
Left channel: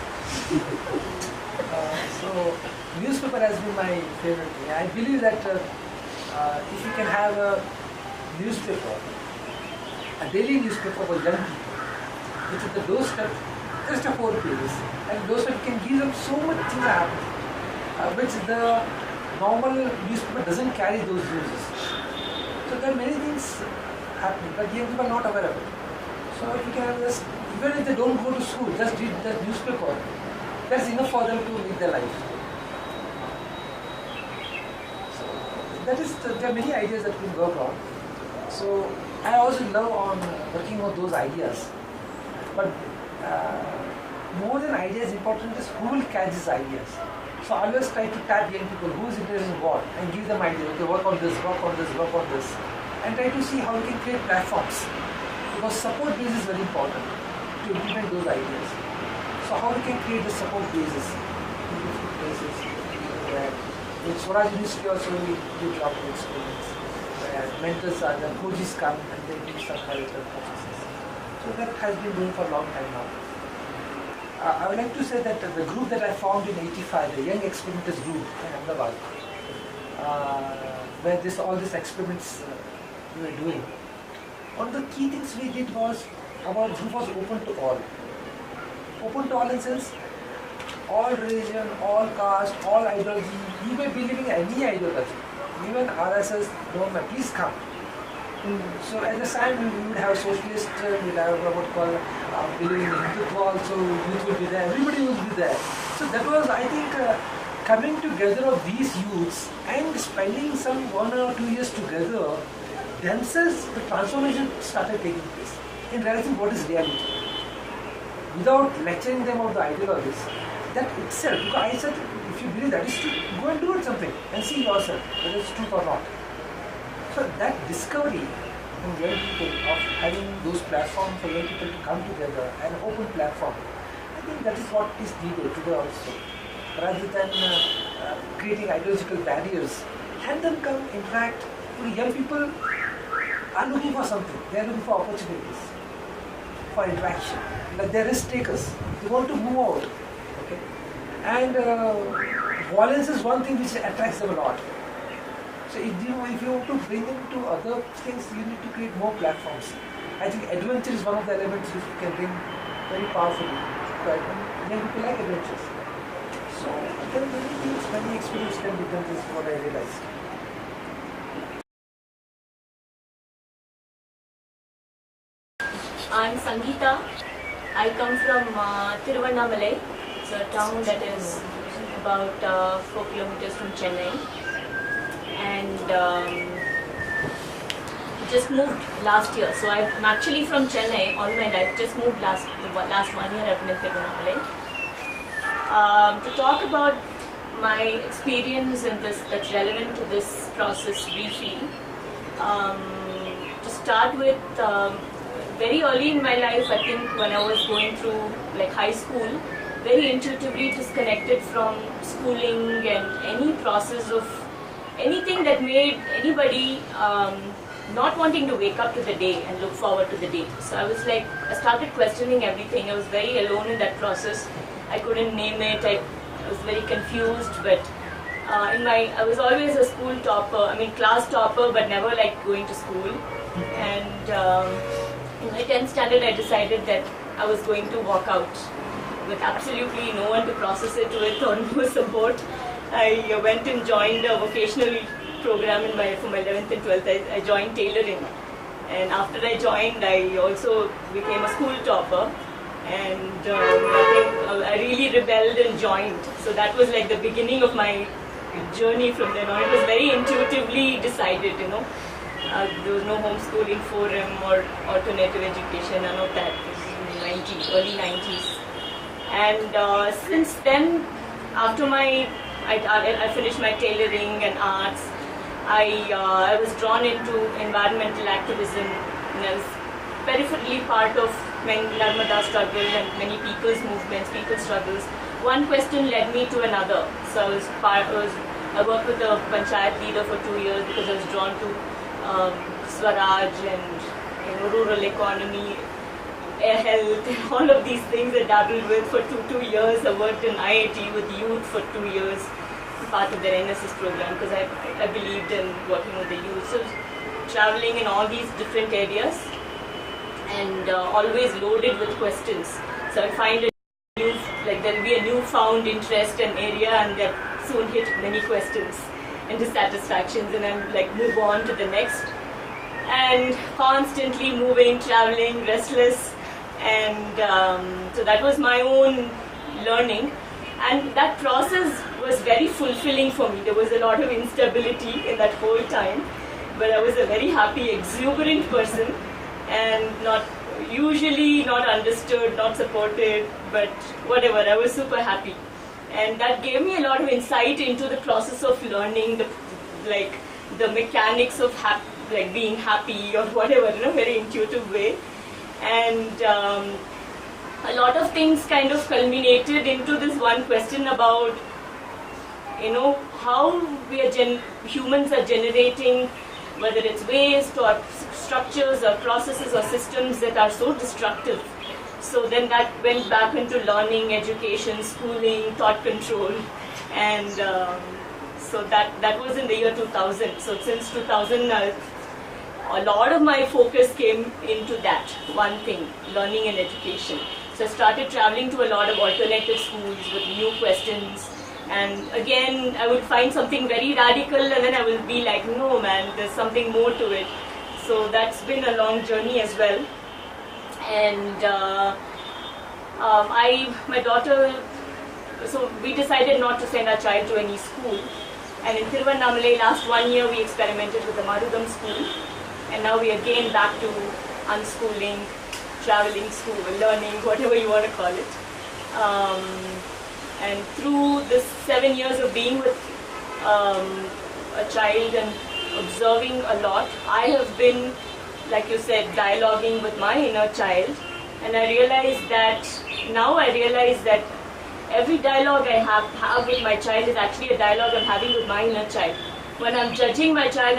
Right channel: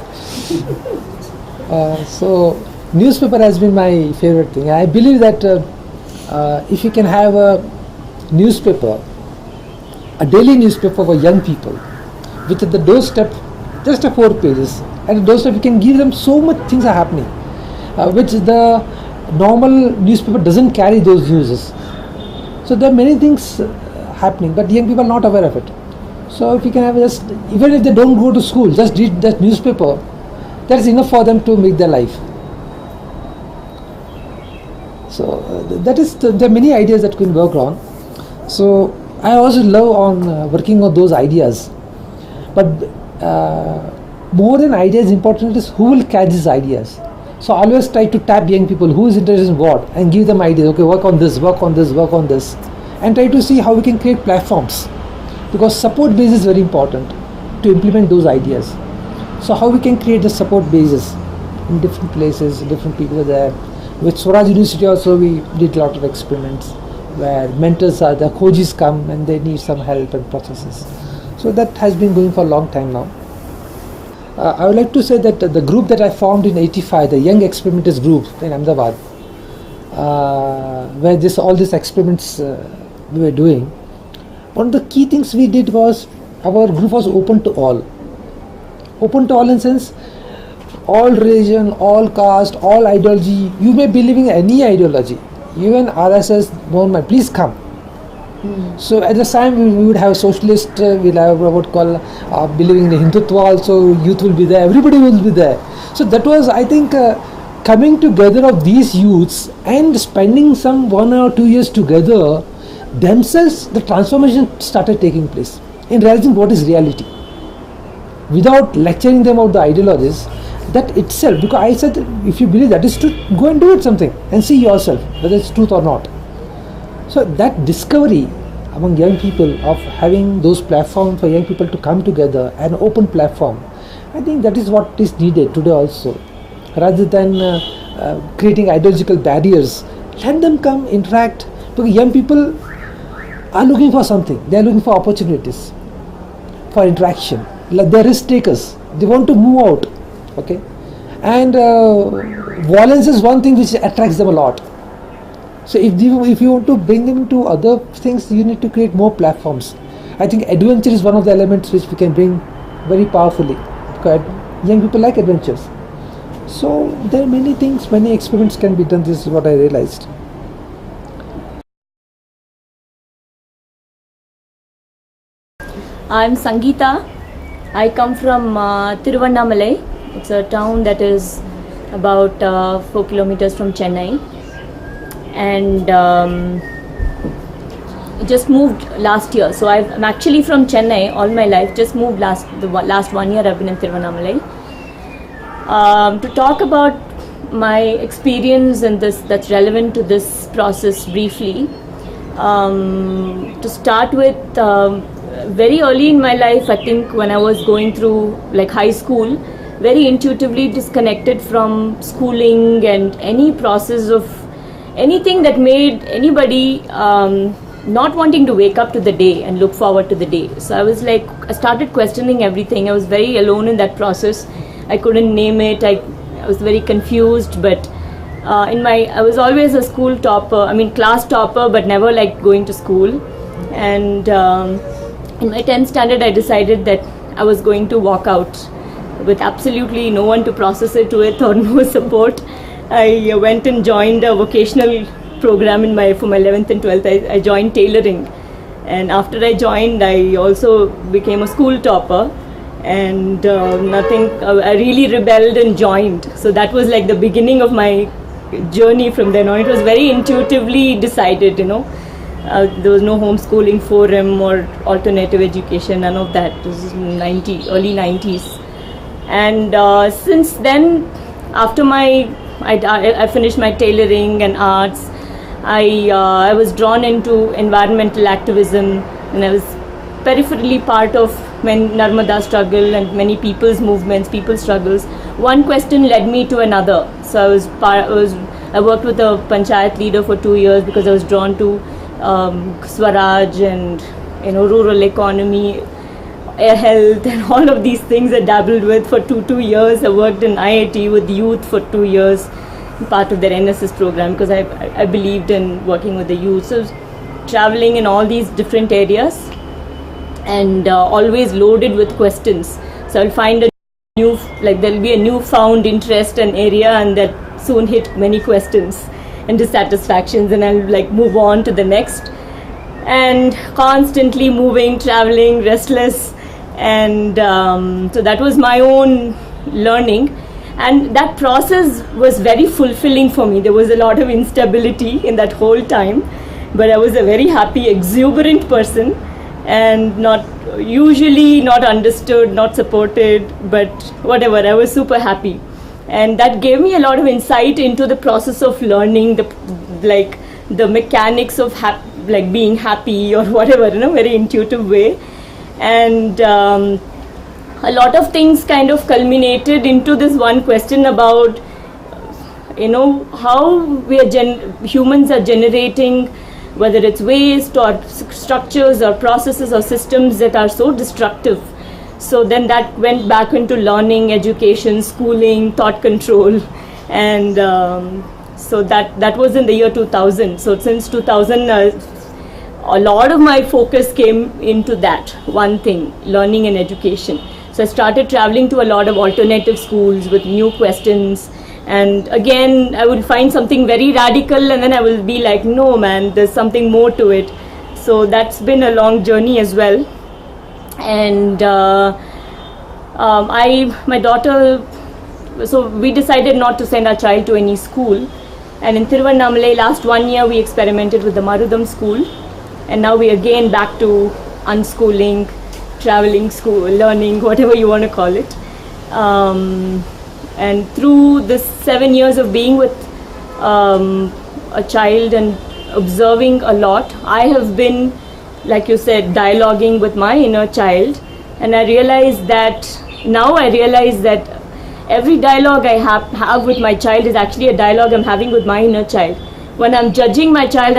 So newspaper has been my favorite thing. I believe that if you can have a newspaper, a daily newspaper for young people, which at the doorstep, just a 4 pages, and at the doorstep you can give them so much things are happening, which the normal newspaper doesn't carry those news. So there are many things happening, but young people are not aware of it. So if you can have just, even if they don't go to school, just read that newspaper, that's enough for them to make their life. So there are many ideas that can work on. So I also love on working on those ideas. But more than ideas, important is who will catch these ideas. So I always try to tap young people who is interested in what, and give them ideas. Okay, work on this, work on this, work on this, and try to see how we can create platforms, because support base is very important to implement those ideas. So how we can create the support bases in different places, different people are there. With Swaraj University also we did a lot of experiments where mentors are, the coaches come and they need some help and processes. So that has been going for a long time now. I would like to say that the group that I formed in '85, the Young Experimenters Group in Ahmedabad, where all these experiments we were doing, one of the key things we did was our group was open to all. Open to all in the sense, all religion, all caste, all ideology. You may believe in any ideology, even RSS, normal. Please come. So at the time we would have socialist, we'll have what call believing in Hindutva also, youth will be there, everybody will be there. So that was, I think, coming together of these youths and spending some 1 or 2 years together, themselves the transformation started taking place in realizing what is reality. Without lecturing them about the ideologies, that itself, because I said if you believe that is true, go and do it something and see yourself whether it's truth or not. So that discovery among young people of having those platforms for young people to come together, an open platform, I think that is what is needed today also. Rather than creating ideological barriers, let them come, interact, because young people are looking for something, they are looking for opportunities, for interaction, like they are risk takers, they want to move out, okay, and violence is one thing which attracts them a lot. So if you want to bring them to other things, you need to create more platforms. I think adventure is one of the elements which we can bring very powerfully, because young people like adventures. So there are many things, many experiments can be done. This is what I realized. I'm Sangeeta. I come from Tiruvannamalai. It's a town that is about 4 kilometers from Chennai. And just moved last year. So I'm actually from Chennai all my life. Just moved the last 1 year I've been in Tiruvannamalai. To talk about my experience in this that's relevant to this process briefly. To start with, very early in my life, I think when I was going through like high school, very intuitively disconnected from schooling and any process of anything that made anybody not wanting to wake up to the day and look forward to the day. So I was like, I started questioning everything. I was very alone in that process. I couldn't name it. I was very confused, but I was always a school topper, class topper, but never like going to school. And in my 10th standard, I decided that I was going to walk out with absolutely no one to process it with or no support. I went and joined a vocational program for my 11th and 12th. I joined tailoring, and after I joined, I also became a school topper. And I really rebelled and joined. So that was like the beginning of my journey from then on. It was very intuitively decided, there was no homeschooling forum or alternative education, none of that. This is early 90s. And since then, after I finished my tailoring and arts, I was drawn into environmental activism, and I was peripherally part of Narmada struggle and many people's movements, people's struggles. One question led me to another. So I worked with a panchayat leader for 2 years because I was drawn to Swaraj and rural economy, air health, and all of these things I dabbled with for two years. I worked in IIT with youth for 2 years, part of their NSS program, because I believed in working with the youth. So I was traveling in all these different areas and always loaded with questions. So I'll find there'll be a newfound interest and area, and that soon hit many questions and dissatisfactions, and I'll move on to the next, and constantly moving, traveling, restless, and so that was my own learning, and that process was very fulfilling for me. There was a lot of instability in that whole time, but I was a very happy, exuberant person, and usually not understood, not supported, but whatever, I was super happy. And that gave me a lot of insight into the process of learning, the mechanics of being happy or whatever, in a very intuitive way. And a lot of things kind of culminated into this one question about, how humans are generating whether it's waste or structures or processes or systems that are so destructive. So then that went back into learning, education, schooling, thought control, and so that was in the year 2000. So since 2000, a lot of my focus came into that one thing, learning and education. So I started traveling to a lot of alternative schools with new questions, and again I would find something very radical, and then I will be like, no man, there's something more to it. So that's been a long journey as well. And my daughter, so we decided not to send our child to any school, and in Tiruvannamalai last 1 year we experimented with the Marudam school, and now we again back to unschooling, traveling school, learning, whatever you want to call it. And through this 7 years of being with a child and observing a lot, I have been, like you said, dialoguing with my inner child, and I realize that every dialogue I have with my child is actually a dialogue I'm having with my inner child. When I'm judging my child,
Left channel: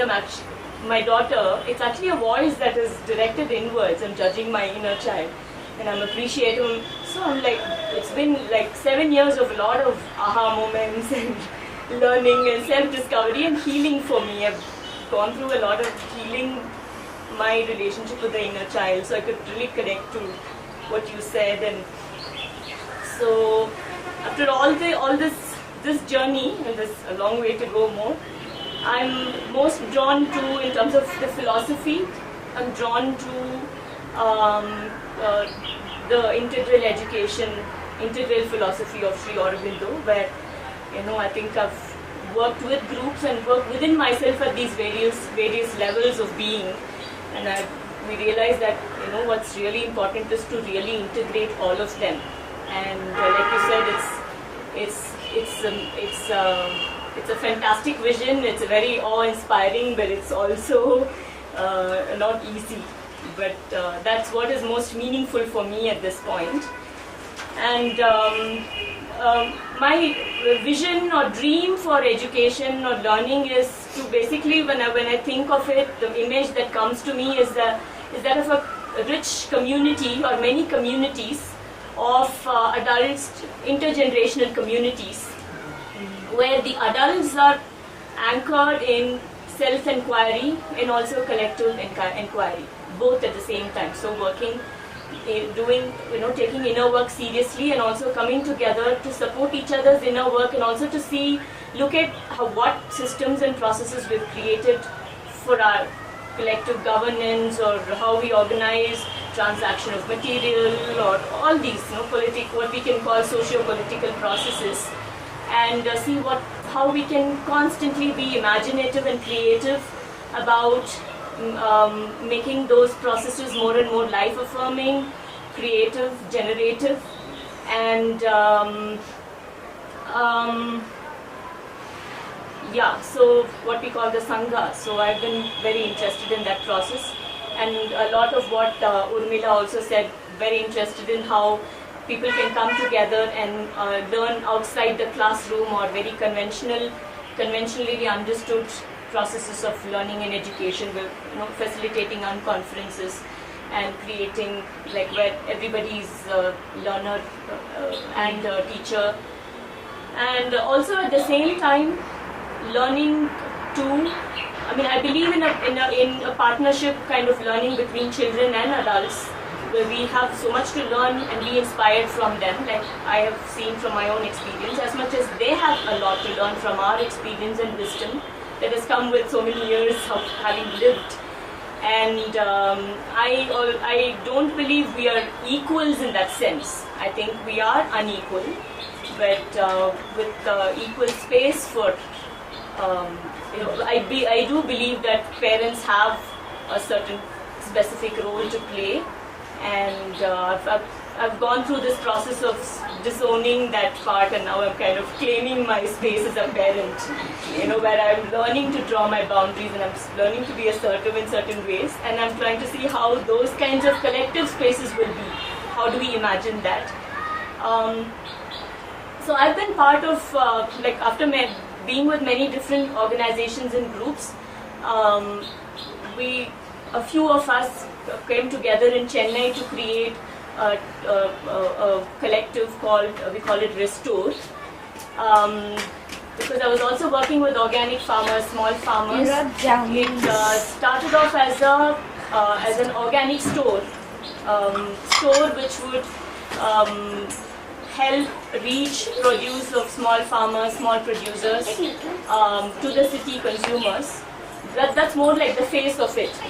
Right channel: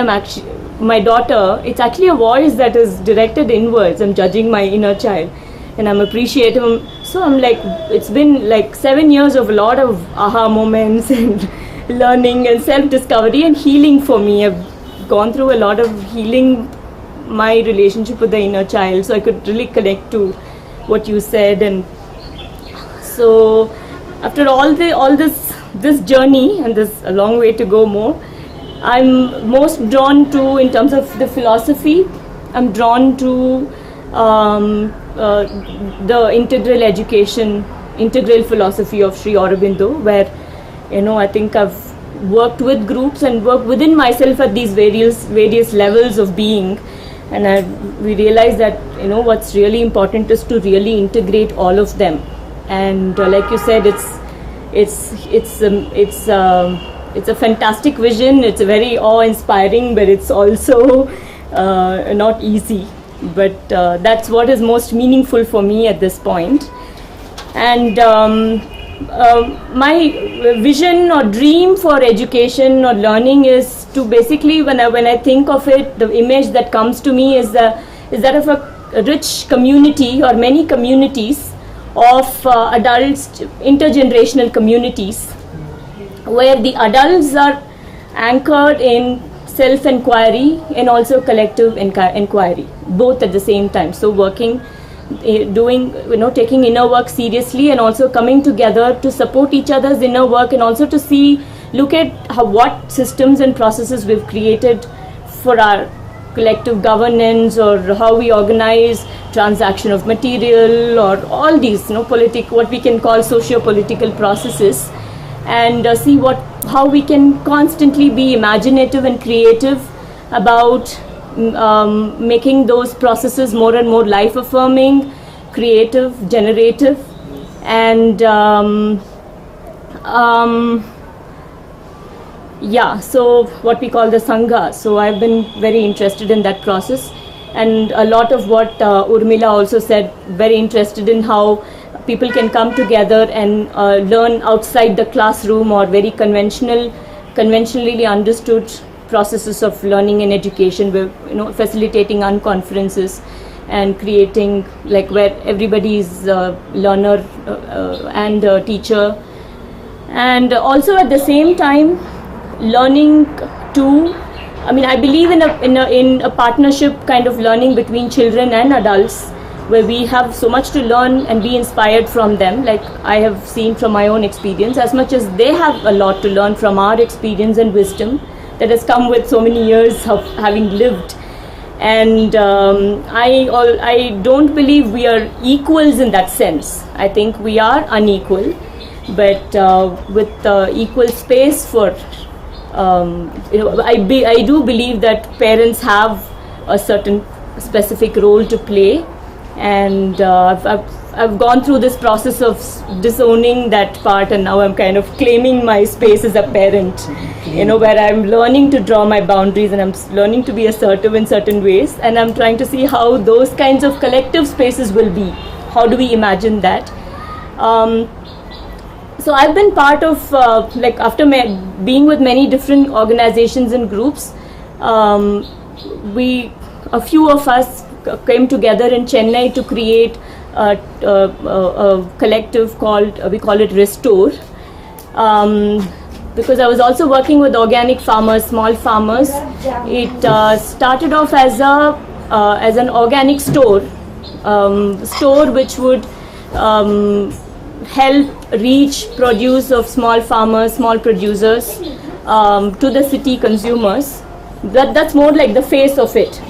my daughter, it's actually a voice that is directed inwards. I'm judging my inner child, and I'm appreciating. So I'm like, it's been like 7 years of a lot of aha moments and learning and self-discovery and healing for me. I've gone through a lot of healing my relationship with the inner child, so I could really connect to what you said. And so after all this journey, and there's a long way to go more, I'm most drawn to, in terms of the philosophy, I'm drawn to the integral philosophy of Sri Aurobindo, where I think I've worked with groups and worked within myself at these various levels of being, and we realize that what's really important is to really integrate all of them. And like you said, it's a fantastic vision. It's a very awe-inspiring, but it's also not easy. But that's what is most meaningful for me at this point. And my vision or dream for education or learning is to basically, when I think of it, the image that comes to me is that of a rich community or many communities of adults, intergenerational communities, where the adults are anchored in self-inquiry and also collective inquiry, both at the same time. So working, doing, taking inner work seriously, and also coming together to support each other's inner work, and also to look at what systems and processes we've created for our collective governance, or how we organize transaction of material, or all these what we can call socio-political processes, and see how we can constantly be imaginative and creative about making those processes more and more life-affirming, creative, generative, and so what we call the Sangha. So I've been very interested in that process, and a lot of what Urmila also said, very interested in how people can come together and learn outside the classroom, or very conventionally understood processes of learning and education. We're facilitating unconferences and creating where everybody is learner and teacher, and also at the same time learning to, I believe in a partnership kind of learning between children and adults, where we have so much to learn and be inspired from them, like I have seen from my own experience, as much as they have a lot to learn from our experience and wisdom that has come with so many years of having lived. And I don't believe we are equals in that sense. I think we are unequal, but with equal space for I do believe that parents have a certain specific role to play, and I've gone through this process of disowning that part, and now I'm kind of claiming my space as a parent, where I'm learning to draw my boundaries, and I'm learning to be assertive in certain ways, and I'm trying to see how those kinds of collective spaces will be. How do we imagine that? So I've been part of, after being with many different organizations and groups, a few of us came together in Chennai to create a collective called, we call it Restore. Because I was also working with organic farmers, small farmers. It started off as an organic store which would help reach produce of small farmers, small producers to the city consumers. That's more like the face of it.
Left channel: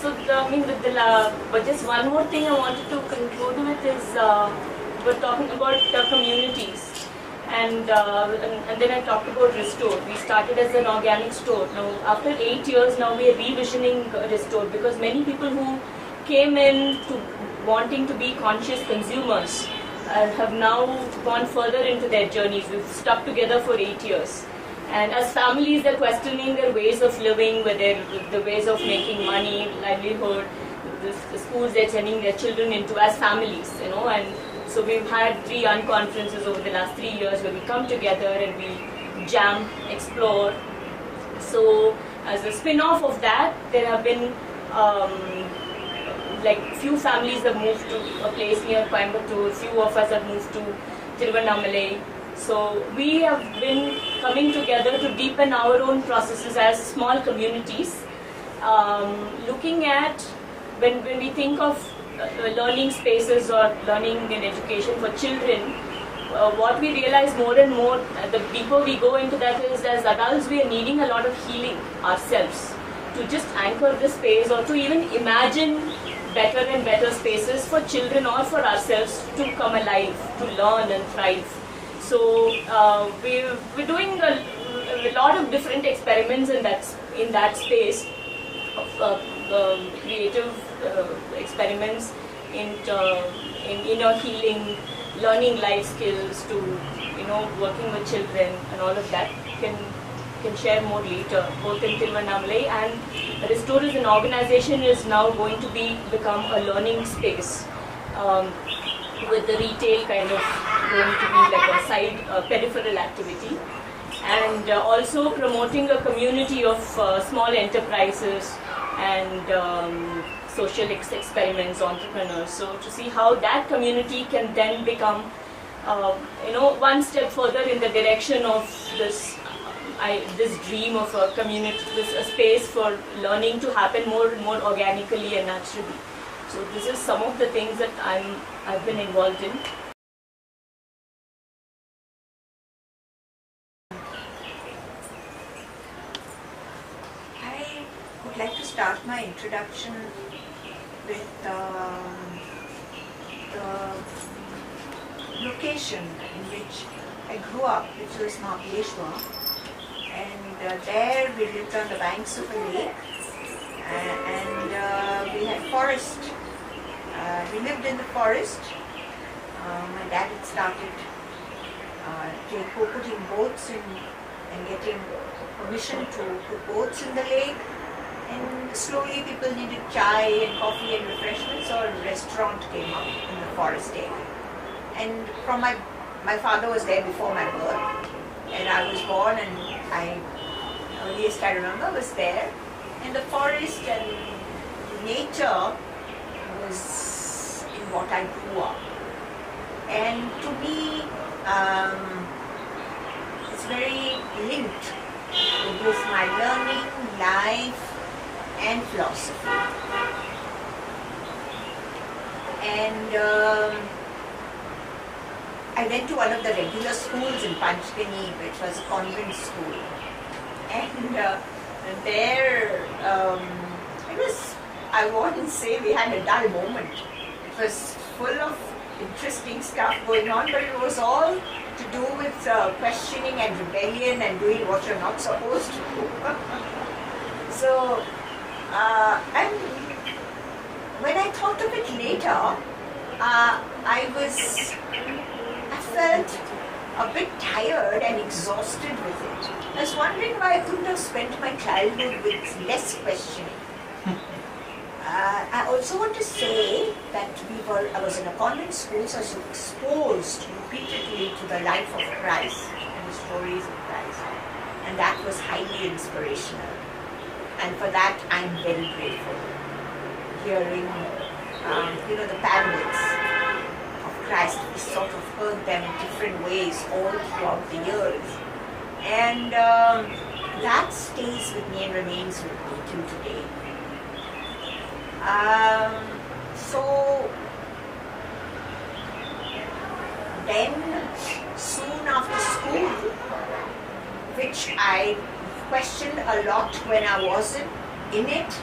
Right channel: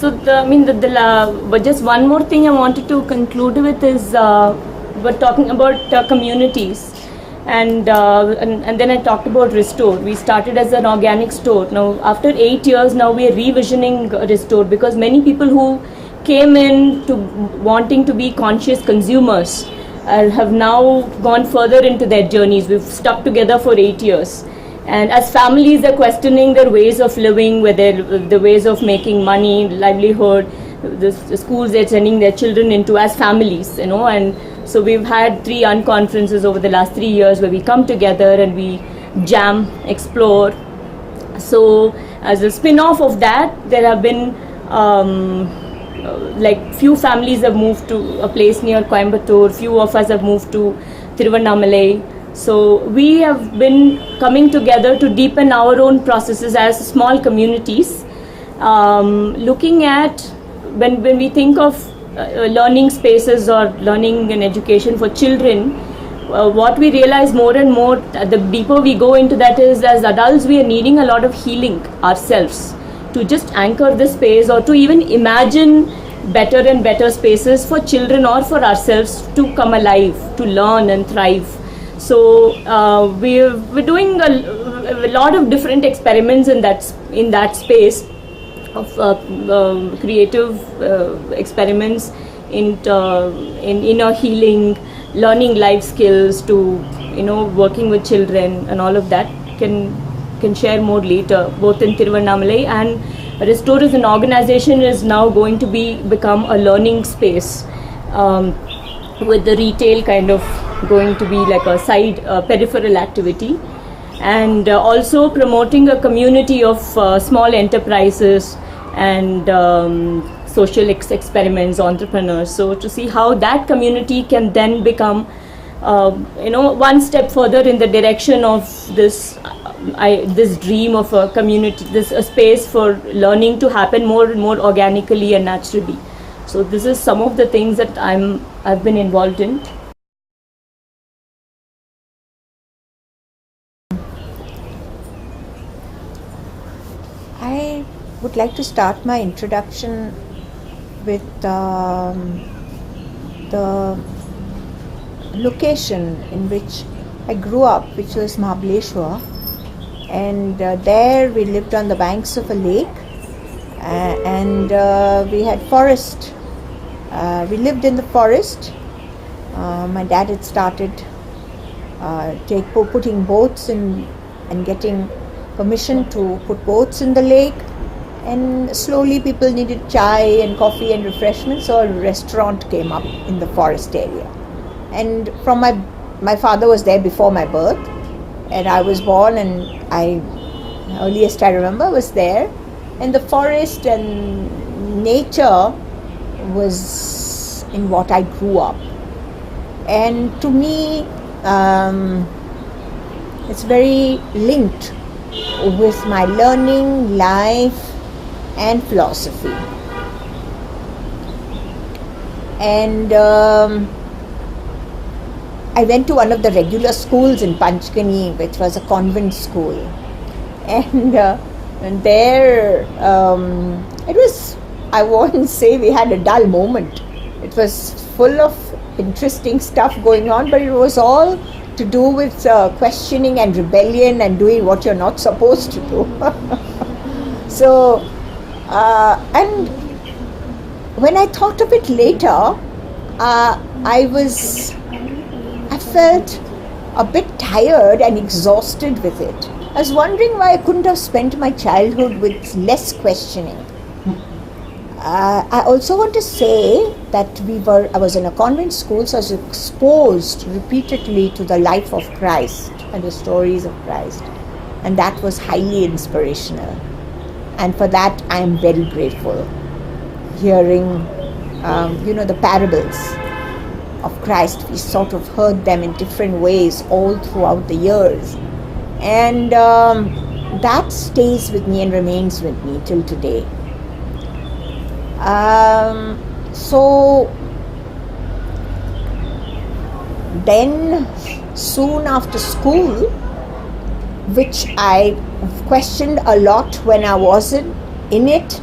But just one more thing I wanted to conclude with is we're talking about communities. And then I talked about Restore. We started as an organic store. Now, after 8 years, now we are revisioning Restore, because many people who came in to wanting to be conscious consumers have now gone further into their journeys. We've stuck together for 8 years. And as families, they're questioning their ways of living, whether the ways of making money, livelihood, the schools they're sending their children into as families, and so we've had 3 unconferences over the last 3 years where we come together and we jam, explore. So as a spin-off of that, there have been few families have moved to a place near Coimbatore, few of us have moved to Tiruvannamalai. So we have been coming together to deepen our own processes as small communities, looking at when we think of learning spaces or learning and education for children, what we realize more and more, the deeper we go into that, is as adults we are needing a lot of healing ourselves to just anchor the space, or to even imagine better and better spaces for children or for ourselves to come alive, to learn and thrive. So we're doing a lot of different experiments in that space of creative experiments in inner healing, learning life skills, to working with children, and all of that can share more later. Both in Tiruvannamalai and Restore as an organization is now going to become a learning space, with the retail kind of going to be like a side peripheral activity, and also promoting a community of small enterprises and social experiments, entrepreneurs. So to see how that community can then become one step further in the direction of this dream of a community, a space for learning to happen more and more organically and naturally. So this is some of the things that I've been involved in. I would like to start my introduction with the location in which I grew up, which was Mahabaleshwar, and there we lived on the banks of a lake, and we had forest. We lived in the forest. My dad had started putting boats in and getting permission to put boats in the lake, and slowly people needed chai and coffee and refreshments, so a restaurant came up in the forest area. And from my father was there before my birth, and I was born, and earliest I remember was there. And the forest and nature was in what I grew up. And to me, it's very linked with my learning, life and philosophy. And I went to one of the regular schools in Panchgani, which was a convent school. And there, it was, I won't say we had a dull moment. It was full of interesting stuff going on, but it was all to do with questioning and rebellion and doing what you're not supposed to do. So, and when I thought of it later, I felt a bit tired and exhausted with it. I was wondering why I couldn't have spent my childhood with less questioning. I also want to say that I was in a convent school, so I was exposed repeatedly to the life of Christ and the stories of Christ, and that was highly inspirational. and for that I am very grateful. Hearing, the parables of Christ, we sort of heard them in different ways all throughout the years, and that stays with me and remains with me till today. So then soon after school, which I questioned a lot when I wasn't in it,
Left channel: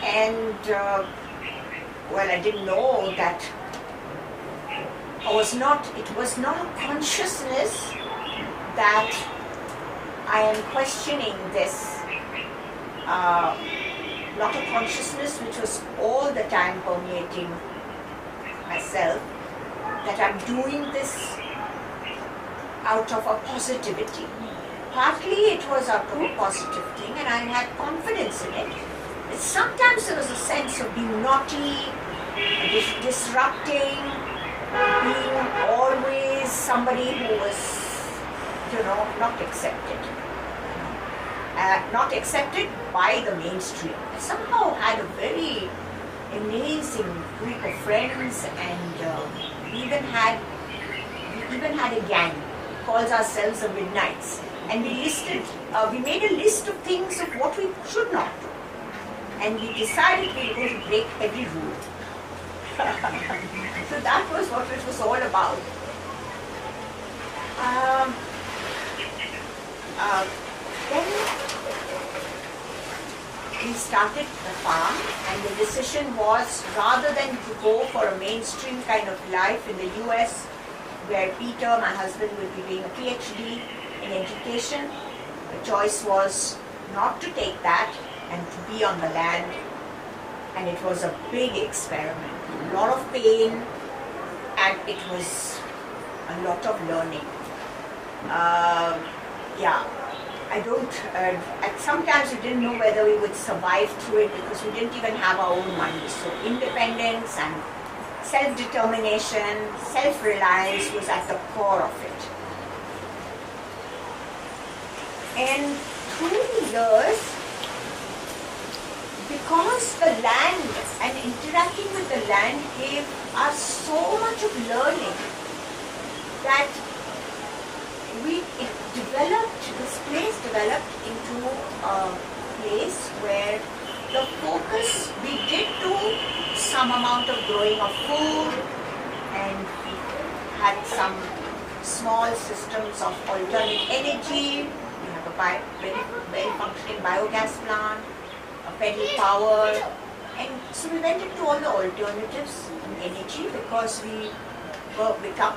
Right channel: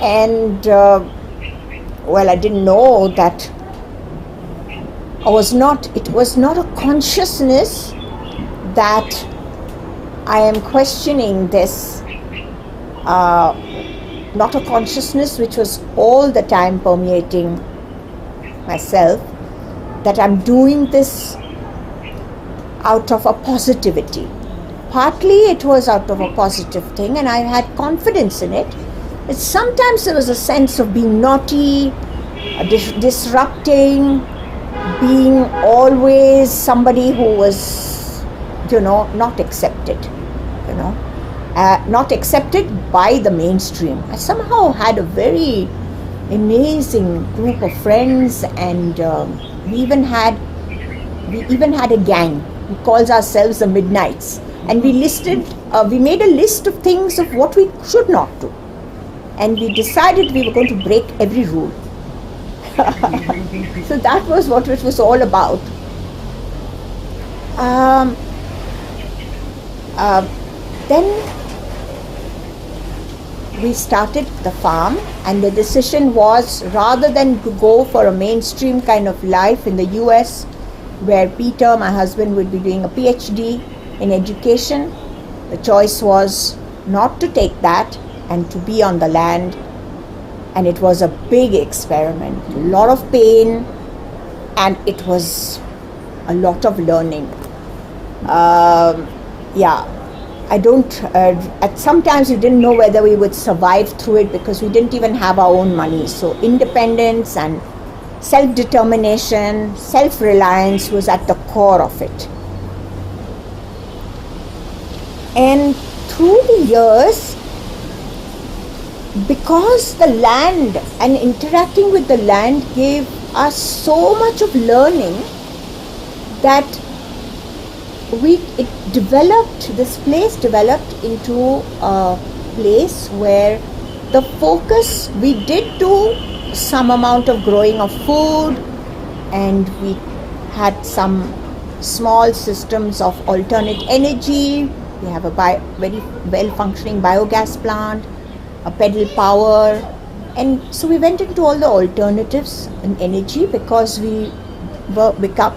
and I didn't know that it was not a consciousness that I am questioning this, not a consciousness which was all the time permeating myself, that I'm doing this out of a positivity. Partly it was out of a positive thing, and I had confidence in it. But sometimes there was a sense of being naughty, disrupting, being always somebody who was, not accepted, not accepted by the mainstream. I somehow had a very amazing group of friends, and we even had a gang. We called ourselves the Midnights, and we made a list of things of what we should not do, and we decided we were going to break every rule. So that was what it was all about. Then we started the farm, and the decision was, rather than to go for a mainstream kind of life in the US, where Peter, my husband, would be doing a PhD in education, the choice was not to take that and to be on the land. And it was a big experiment, a lot of pain, and it was a lot of learning. Sometimes we didn't know whether we would survive through it, because we didn't even have our own money. So independence and self-determination, self-reliance was at the core of it. And through the years, because the land and interacting with the land gave us so much of learning, that this place developed into a place where the focus, we did do some amount of growing of food, and we had some small systems of alternate energy. We have a very well-functioning biogas plant, a pedal power, and so we went into all the alternatives in energy, because we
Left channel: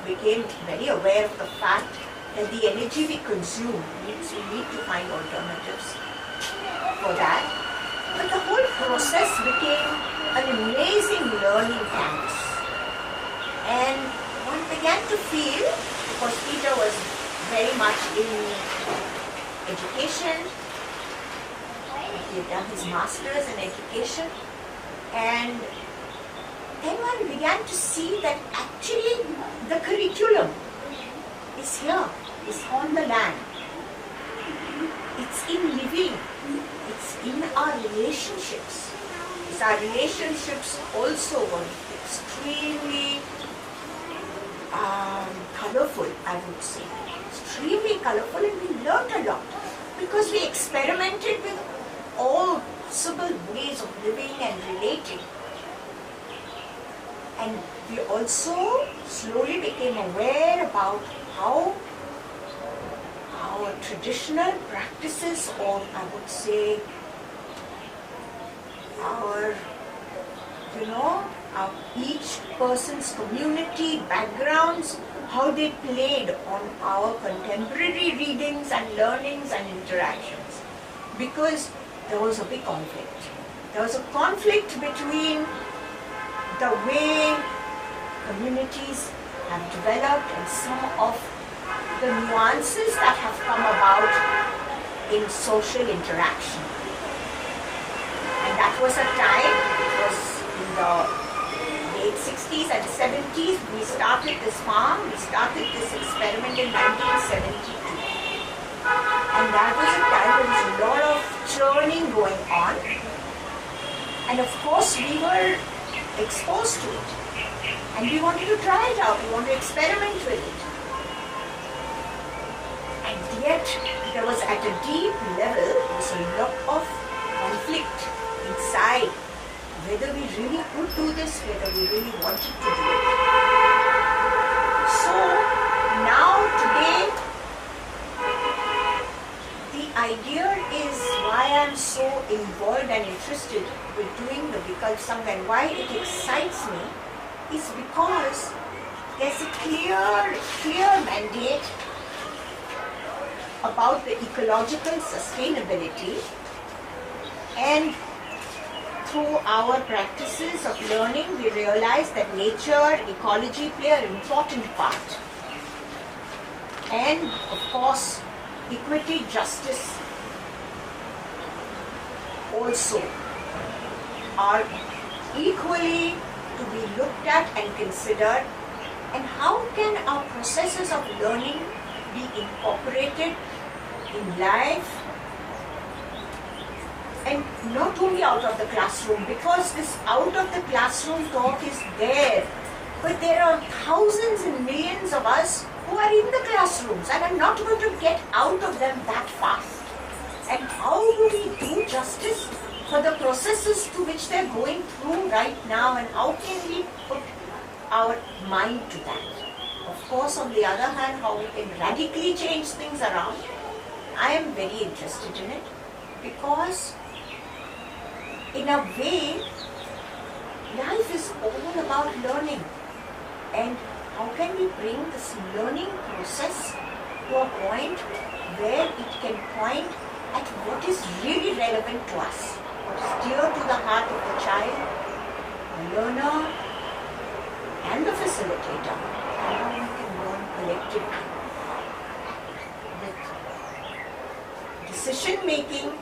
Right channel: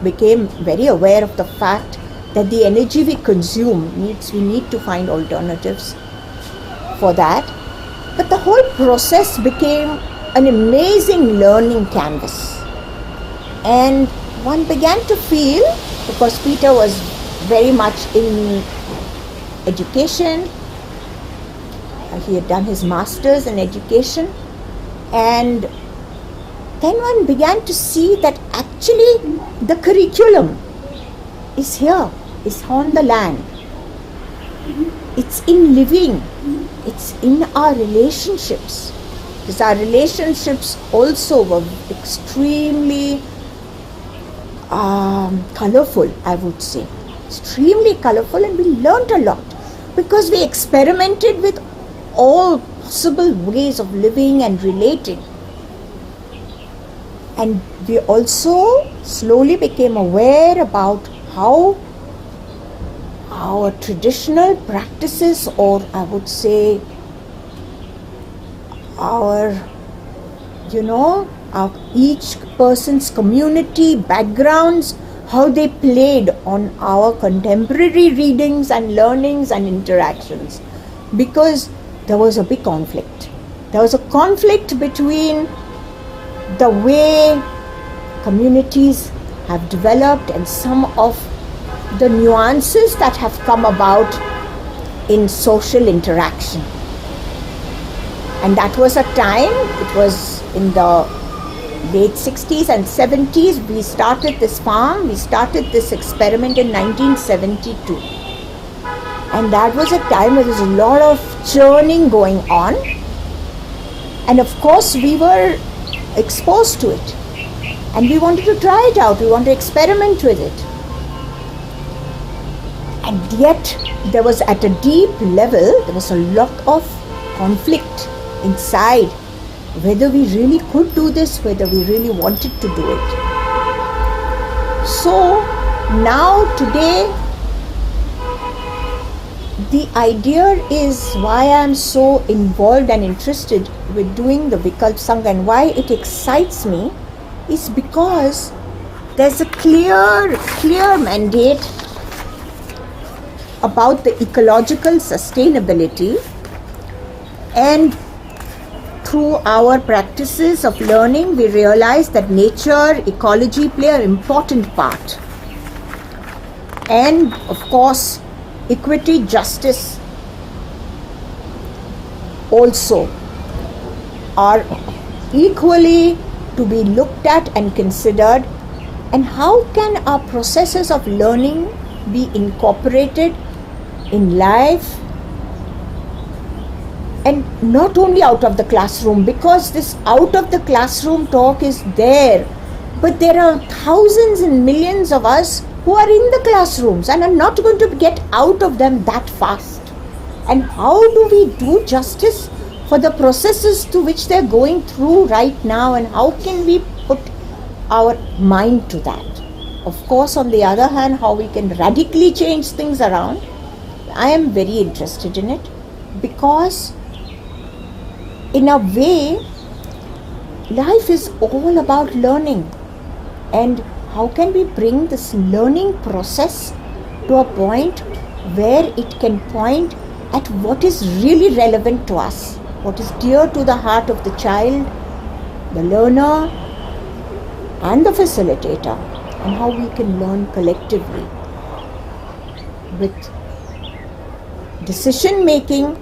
became very aware of the fact that the energy we consume we need to find alternatives for that. But the whole process became an amazing learning canvas, and one began to feel, because Peter was very much in education, he had done his master's in education, and then one began to see that actually the curriculum is here, is on the land. It's in living, it's in our relationships. Because our relationships also were extremely colorful, I would say. Extremely colorful, and we learned a lot, because we experimented with all possible ways of living and relating. And we also slowly became aware about how our traditional practices, or I would say our each person's community backgrounds, how they played on our contemporary readings and learnings and interactions. Because there was a big conflict. There was a conflict between the way communities have developed and some of the nuances that have come about in social interaction. And that was a time, it was in the late 60s and 70s, we started this farm, we started this experiment in 1972. And that was a time where there was a lot of churning going on. And of course, we were exposed to it. And we wanted to try it out, we wanted to experiment with it. And yet, there was at a deep level, there was a lot of conflict inside, whether we really could do this, whether we really wanted to do it. So now today, the idea is why I am so involved and interested with doing the Vikalp Sangha and why it excites me is because there's a clear mandate about the ecological sustainability, and through our practices of learning we realize that nature, ecology play an important part, and of course equity, justice also are equally to be looked at and considered. And how can our processes of learning be incorporated in life, and not only out of the classroom, because this out of the classroom talk is there, but there are thousands and millions of us who are in the classrooms and are not going to get out of them that fast. And how do we do justice for the processes to which they're going through right now, and how can we put our mind to that? Of course, on the other hand, how we can radically change things around, I am very interested in it, because in a way, life is all about learning. And how can we bring this learning process to a point where it can point at what is really relevant to us, what is dear to the heart of the child, the learner, and the facilitator, and how we can learn collectively with decision making,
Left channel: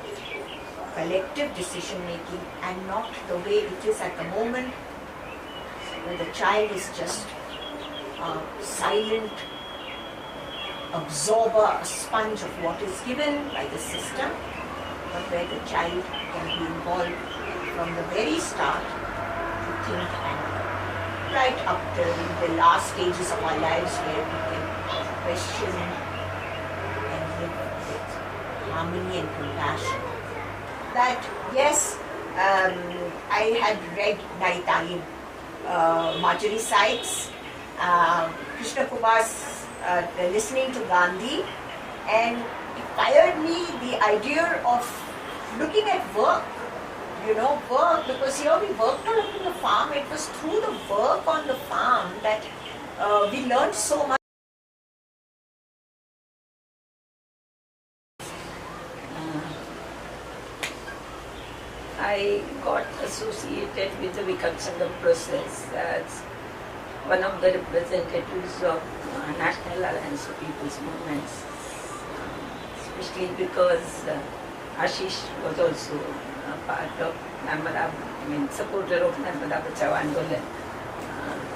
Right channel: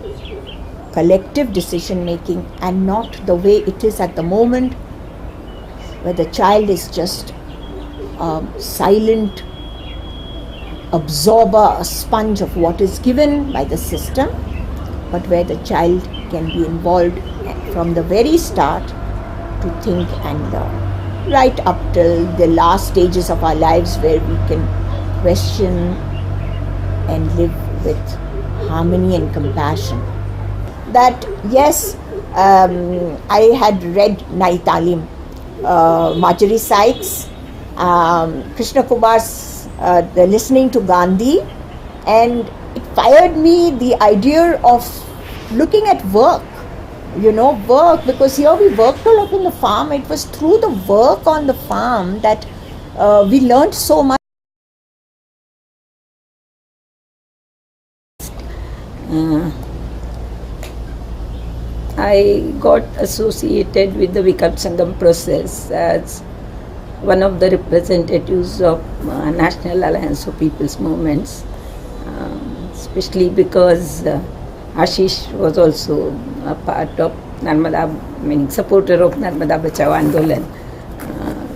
collective decision making, and not the way it is at the moment, where the child is just a silent absorber, a sponge of what is given by the system, but where the child can be involved from the very start to think and learn, right up till the last stages of our lives, where we can question and live with harmony and compassion. That yes, I had read Nai Talim, Marjorie Sykes, Krishna Kumar's the Listening to Gandhi, and it fired me the idea of looking at work, work, because here we worked a lot on the farm. It was through the work on the farm that we learned so much. I got associated with the Vikalp Sangam process as one of the representatives of National Alliance of People's Movements, especially because Ashish was also a part of supporter of Narmada Bachao Andolan,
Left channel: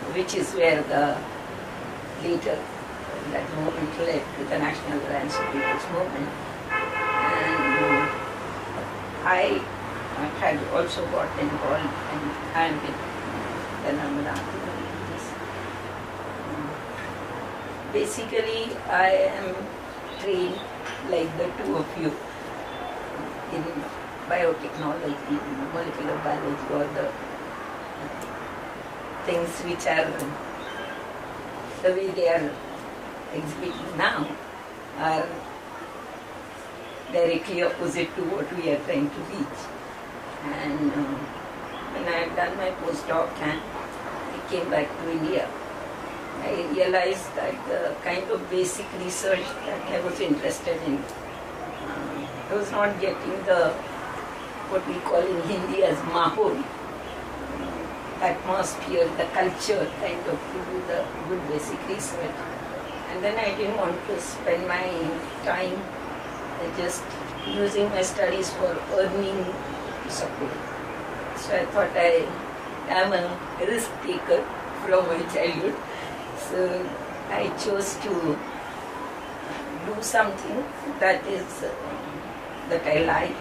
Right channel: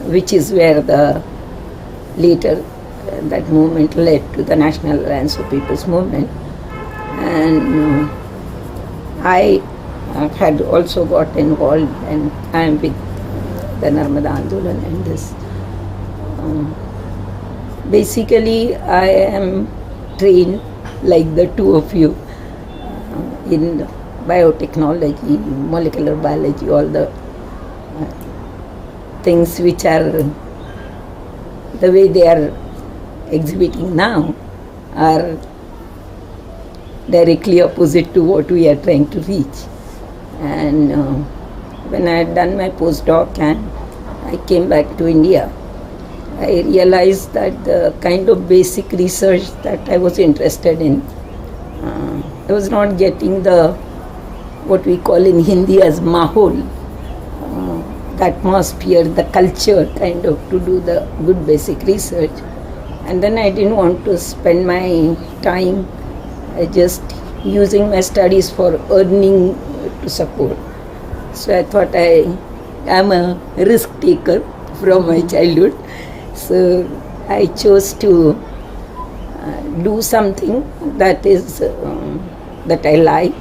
which is where later that movement led to the National Alliance of People's Movement. And I had also got involved, and I am with the Narmada Andolan in this. Basically, I am trained, like the two of you, in biotechnology, molecular biology, all the things which are the way they are exhibiting now are directly opposite to what we are trying to reach. And when I had done my postdoc and I came back to India, I realized that the kind of basic research that I was interested in, I was not getting what we call in Hindi as mahol, the atmosphere, the culture kind of to do the good basic research. And then I didn't want to spend my time just using my studies for earning to support. So I thought I am a risk taker from my childhood. So I chose to do something that is that I like,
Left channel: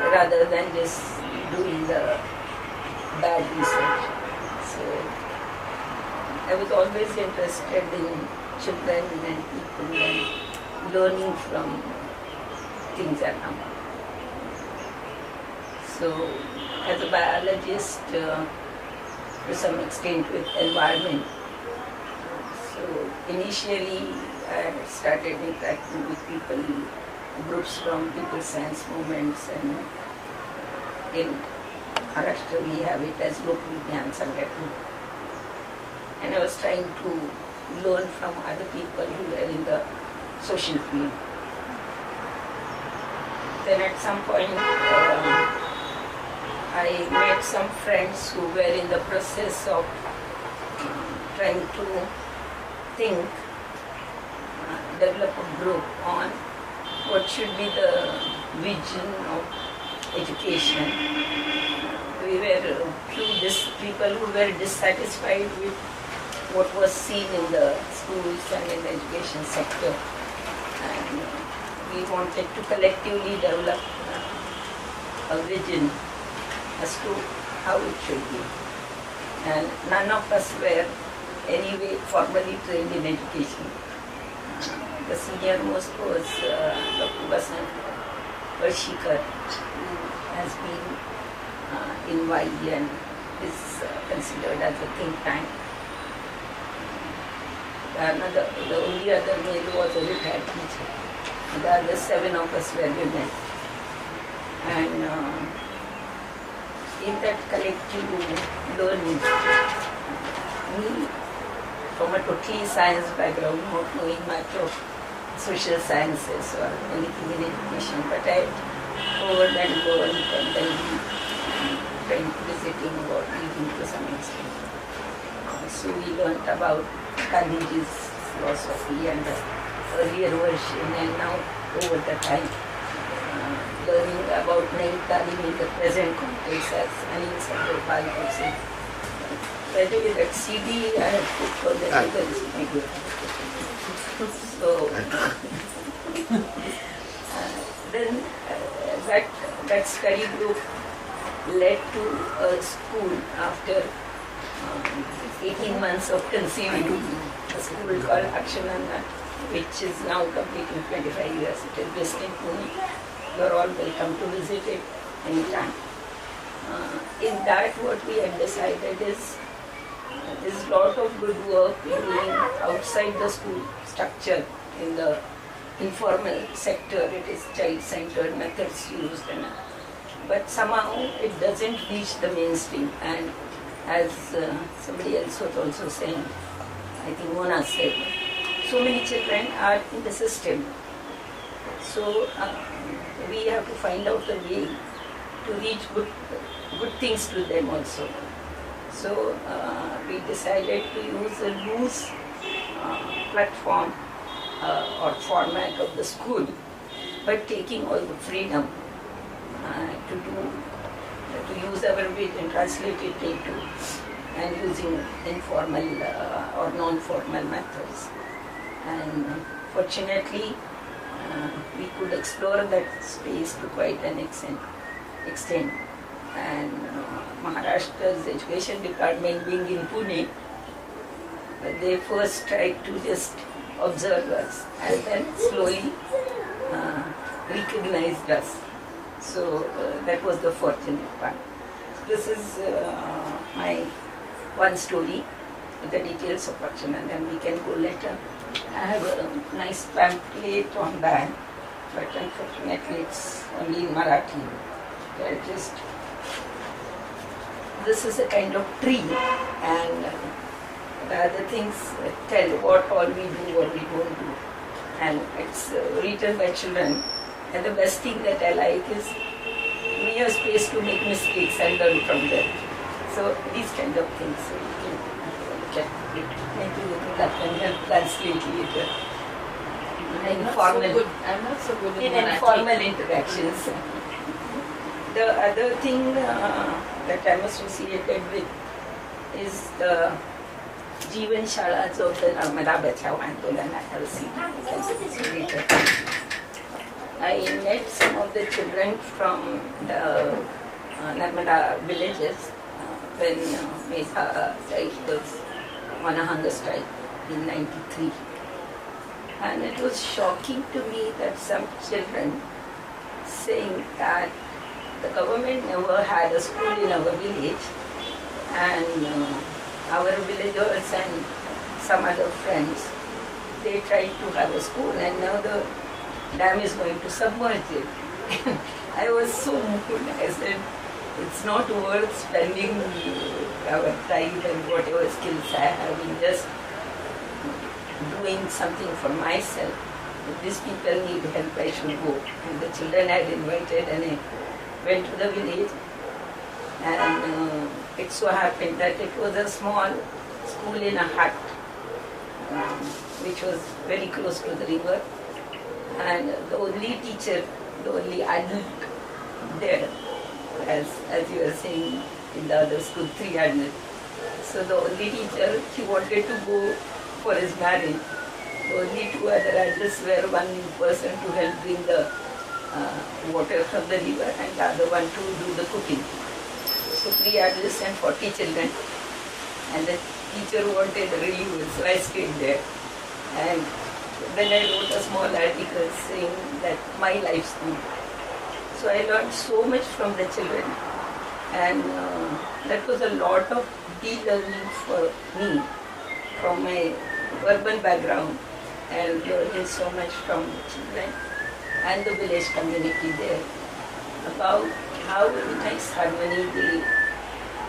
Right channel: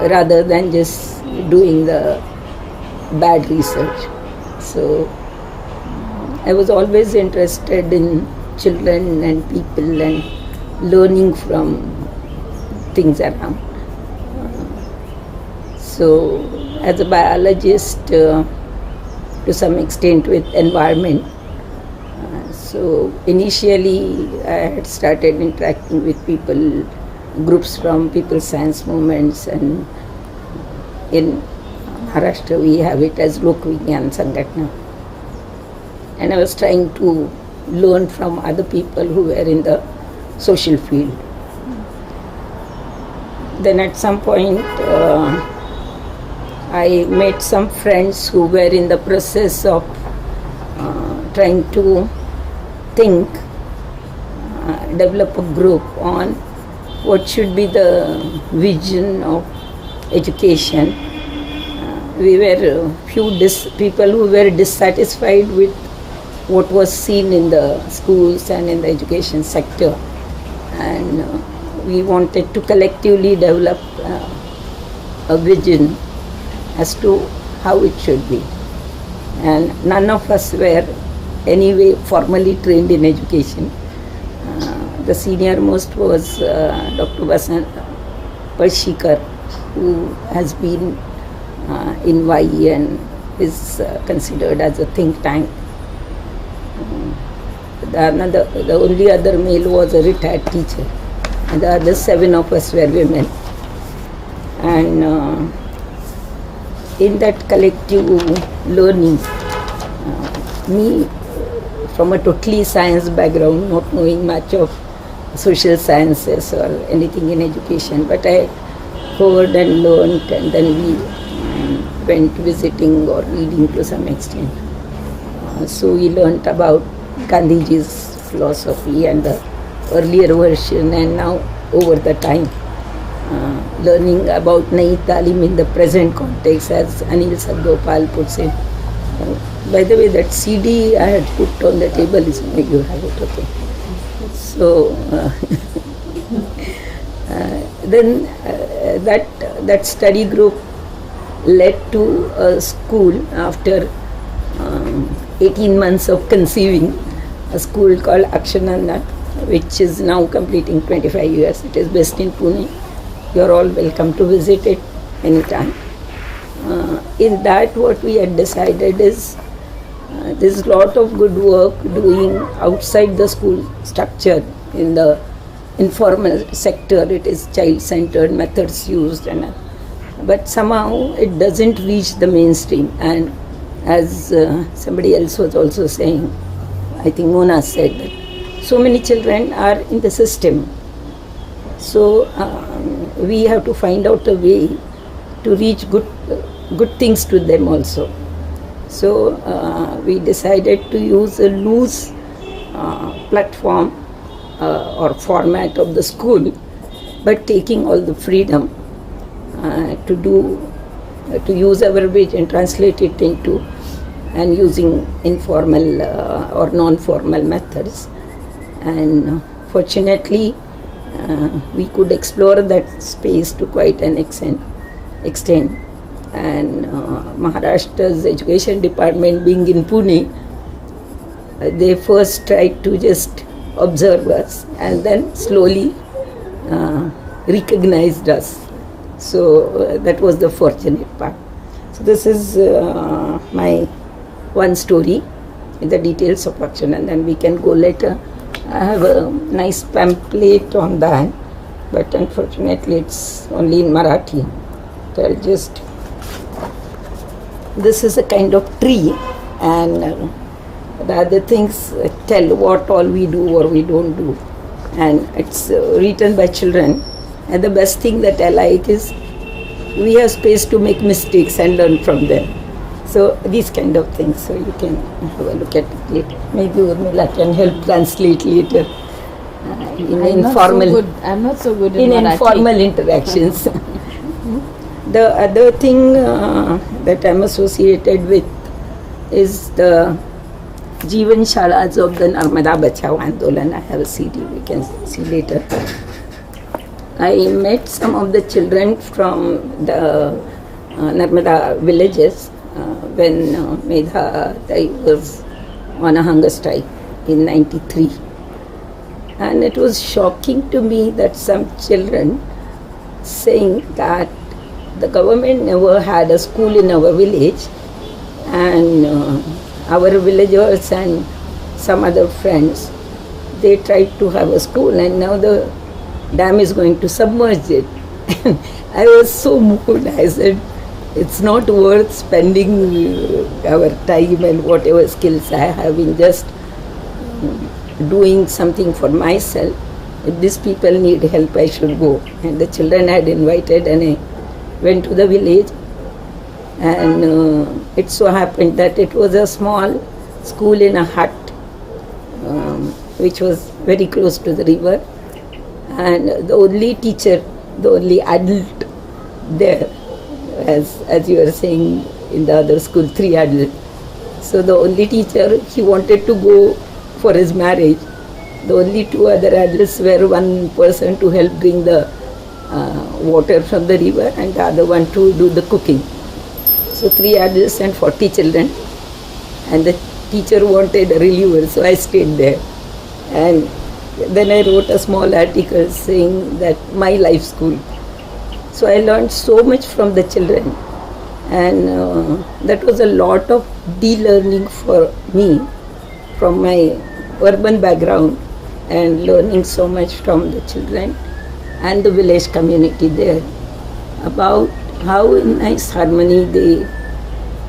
rather than just doing the bad research. So I was always interested in children and people and learning from things around. So as a biologist, to some extent with environment, so initially I had started interacting with people, groups from People's Science Movements, and in Maharashtra we have it as Lok Vigyan Sangatna. And I was trying to learn from other people who were in the social field. Then at some point I met some friends who were in the process of trying to think, develop a group on what should be the vision of education. We were a few people who were dissatisfied with what was seen in the schools and in the education sector, and we wanted to collectively develop a vision as to how it should be. And none of us were anyway formally trained in education. The senior most was Dr. Vasant Parshikar, who has been in YE and is considered as a think tank. The only other male was a retired teacher, and the other 7 of us were women. And in that collective learning, me from a totally science background, not knowing much of social sciences or anything in education, but I heard and learned, and then we went visiting or reading to some extent. So we learnt about Gandhiji's philosophy and the earlier version, and now over the time learning about Nayi Talim in the present context, as Anil Sargopal puts it. By the way, that CD I had put on the table is my good habit. Okay. So then that study group led to a school after 18 months of conceiving, a school called Akshananda, which is now completing 25 years. It is based in Pune. You are all welcome to visit it anytime. In that, what we had decided is there's a lot of good work doing outside the school structure in the informal sector. It is child-centered methods used, but somehow it doesn't reach the mainstream. And as somebody else was also saying, I think Mona said that so many children are in the system. So we have to find out a way to reach good things to them also. So we decided to use a loose platform or format of the school, but taking all the freedom to use our language and translate it into, and using informal or non-formal methods. And fortunately, we could explore that space to quite an extent. And Maharashtra's education department being in Pune, they first tried to just observe us and then slowly recognized us. So that was the fortunate part. So this is my one story in the details of action, and then we can go later. I have a nice pamphlet on that, but unfortunately it's only in Marathi. So I'll just, this is a kind of tree, and the other things tell what all we do or we don't do, and it's written by children. And the best thing that I like is we have space to make mistakes and learn from them. So these kind of things, so you can have a look at it later. Maybe Urmila can help translate later in informal. I'm not so good in informal interactions. The other thing that I'm associated with is the Jeevan Shalas of the Narmada Bachao Andolan. I have a CD, we can see later. I met some of the children from the Narmada villages when Medha Dai was on a hunger strike in 93. And it was shocking to me that some children saying that the government never had a school in our village, and our villagers and some other friends, they tried to have a school, and now the dam is going to submerge it. I was so moved. I said, it's not worth spending our time and whatever skills I have in just doing something for myself. If these people need help, I should go. And the children had invited, and I went to the village. And it so happened that it was a small school in a hut, which was very close to the river. And the only teacher, the only adult there, as you were saying in the other school, 3 adults. So the only teacher, he wanted to go for his marriage. The only 2 other adults were one person to help bring the water from the river, and the other one to do the cooking. So 3 adults and 40 children. And the teacher wanted a reliever, so I stayed there. And then I wrote a small article saying that my life school. So I learned so much from the children. And that was a lot of de-learning for me from my urban background, and learning so much from the children and the village community there about how in nice harmony they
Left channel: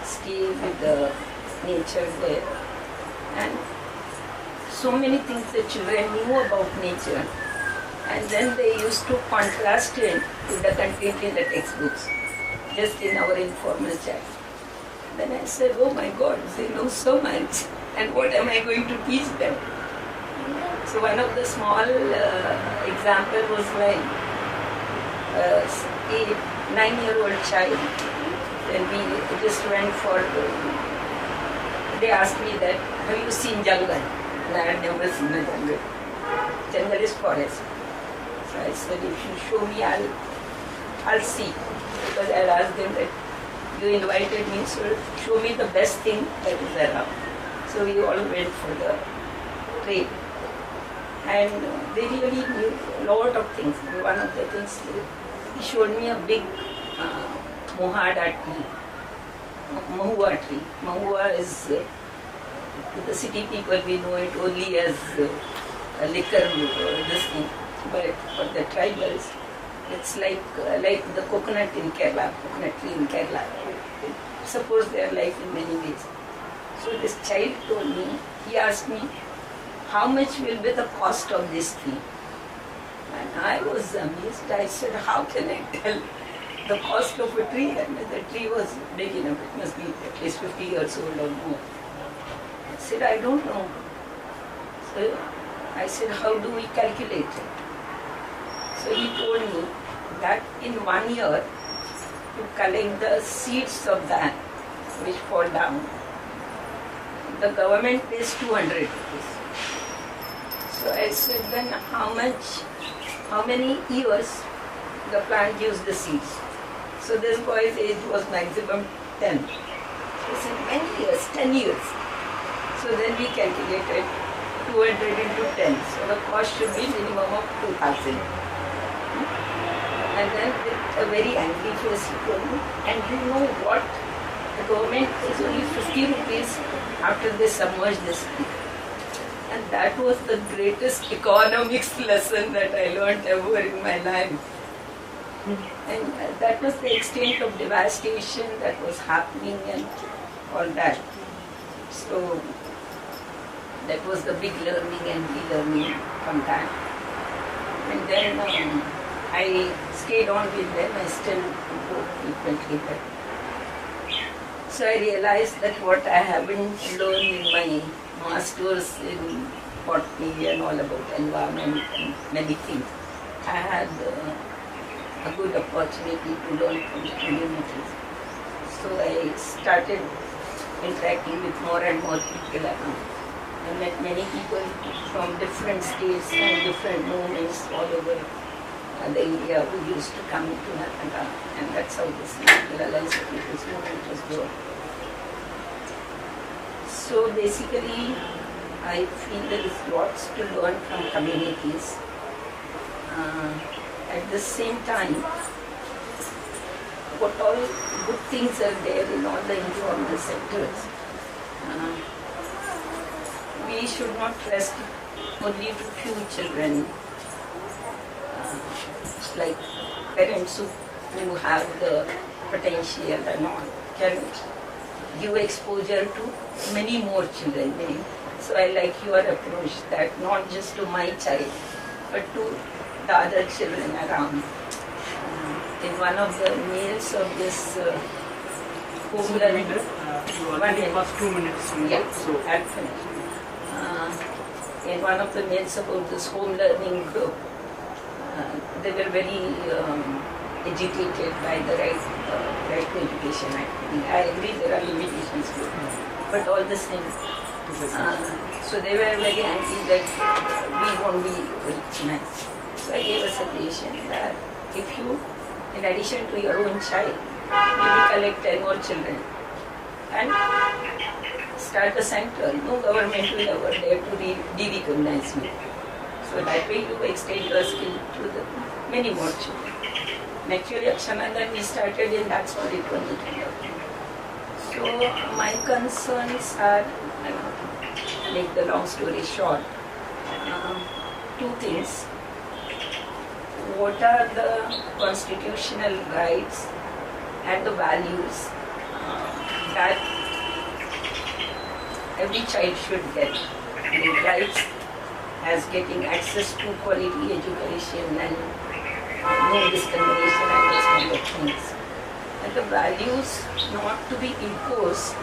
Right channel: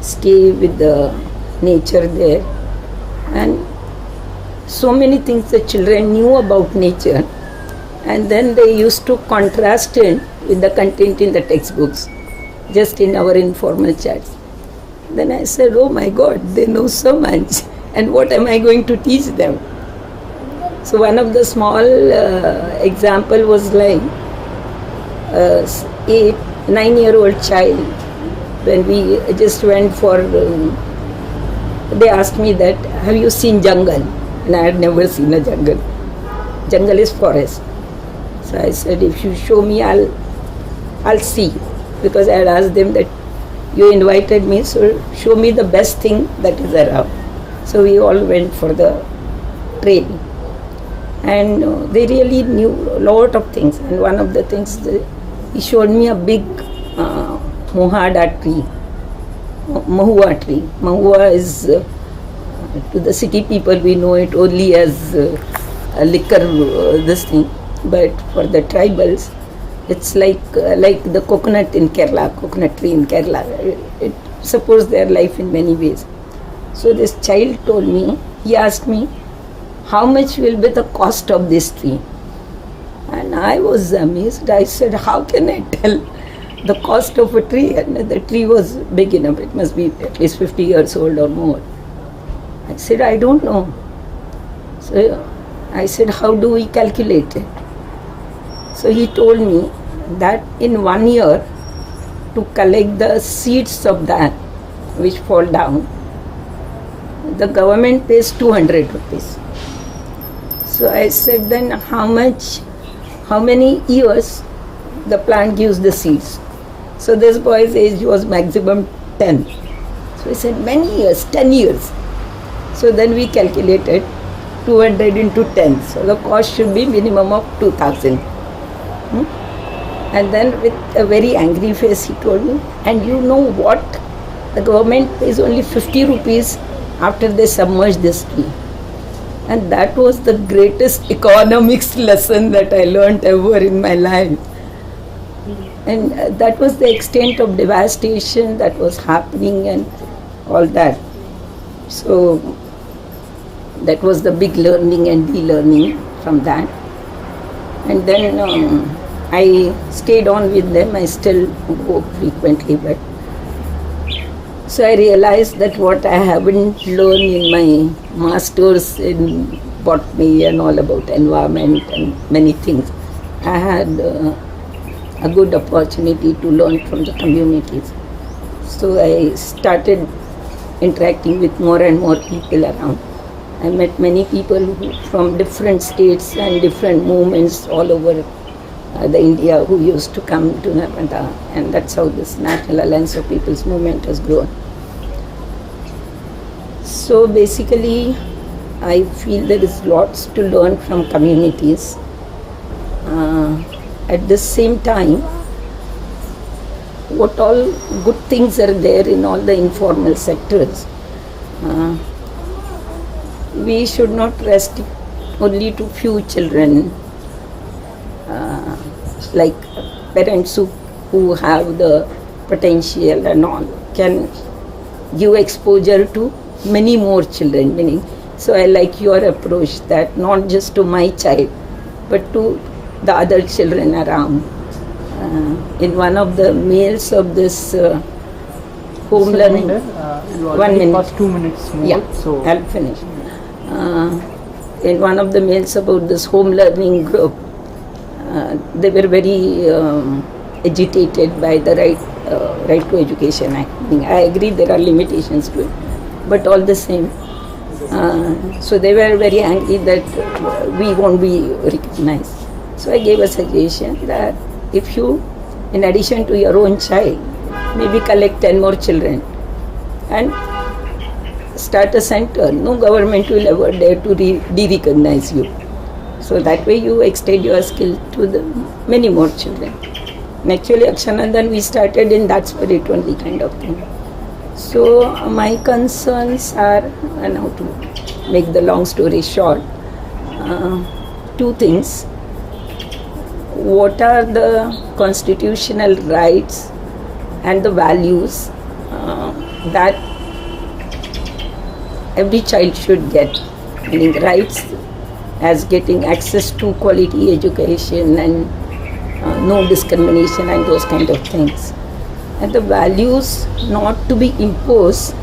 stay with the nature there. And so many things the children knew about nature, and then they used to contrast it with the content in the textbooks, just in our informal chats. Then I said, oh my God, they know so much, and what am I going to teach them? So one of the small example was like a 9-year-old child. When we just went for, they asked me that, have you seen jungle? And I had never seen a jungle. Jungle is forest. So I said, if you show me, I'll see. Because I had asked them that you invited me, so show me the best thing that is around. So we all went for the train. And they really knew a lot of things. And one of the things, he showed me a big mohada tree, mahua tree. Mahua is, to the city people, we know it only as a liquor, this thing. But for the tribals, it's like the coconut in Kerala, coconut tree in Kerala. It supports their life in many ways. So this child told me, he asked me, how much will be the cost of this tree? And I was amazed. I said, how can I tell the cost of a tree? And the tree was big enough. It must be at least 50 years old or more. I said, I don't know. So I said, how do we calculate it? So he told me that in 1 year, to collect the seeds of that which fall down, the government pays 200 rupees. So I said, then how many years the plant gives the seeds? So this boy's age was maximum 10. So he said, many years, 10 years. So then we calculated 200 into 10. So the cost should be minimum of 2,000. And then with a very angry face he told me, and you know what? The government pays only 50 rupees after they submerge this tree. And that was the greatest economics lesson that I learned ever in my life. And that was the extent of devastation that was happening and all that. So that was the big learning and de-learning from that. And then I stayed on with them. I still go frequently, but so I realized that what I haven't learned in my masters in botany and all about environment and many things, I had a good opportunity to learn from the communities. So I started interacting with more and more people around. I met many people from different states and different movements all over the India who used to come to Narmada, and that's how this National Alliance of People's Movement has grown. So basically, I feel there is lots to learn from communities. At the same time, what all good things are there in all the informal sectors. We should not rest only to few children, like parents who have the potential and all can give exposure to many more children. So I like your approach, that not just to my child but to the other children around. In one of the meals of this home learning, you 1 already minute. passed 2 minutes more, Yeah, so I'll finish. In one of the mails about this home learning group, they were very agitated by the Right to Education Act. I agree there are limitations to it, but all the same. So they were very angry that we won't be recognized. So I gave a suggestion that if you, in addition to your own child, maybe collect 10 more children and start a center, no government will ever dare to de-recognize you. So that way you extend your skill to the many more children. And actually Akshanandan we started in that spirit only, kind of thing. So my concerns are, and how to make the long story short, two things. What are the constitutional rights and the values that every child should get, meaning rights as getting access to quality education and no discrimination and those kind of things. And the values not to be imposed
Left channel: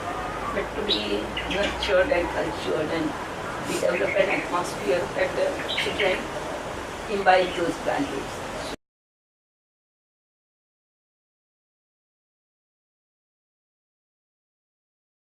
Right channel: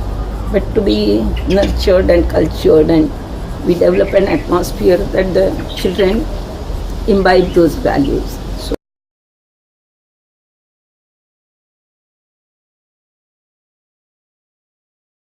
but to be nurtured and cultured, and we develop an atmosphere that the children imbibe those values.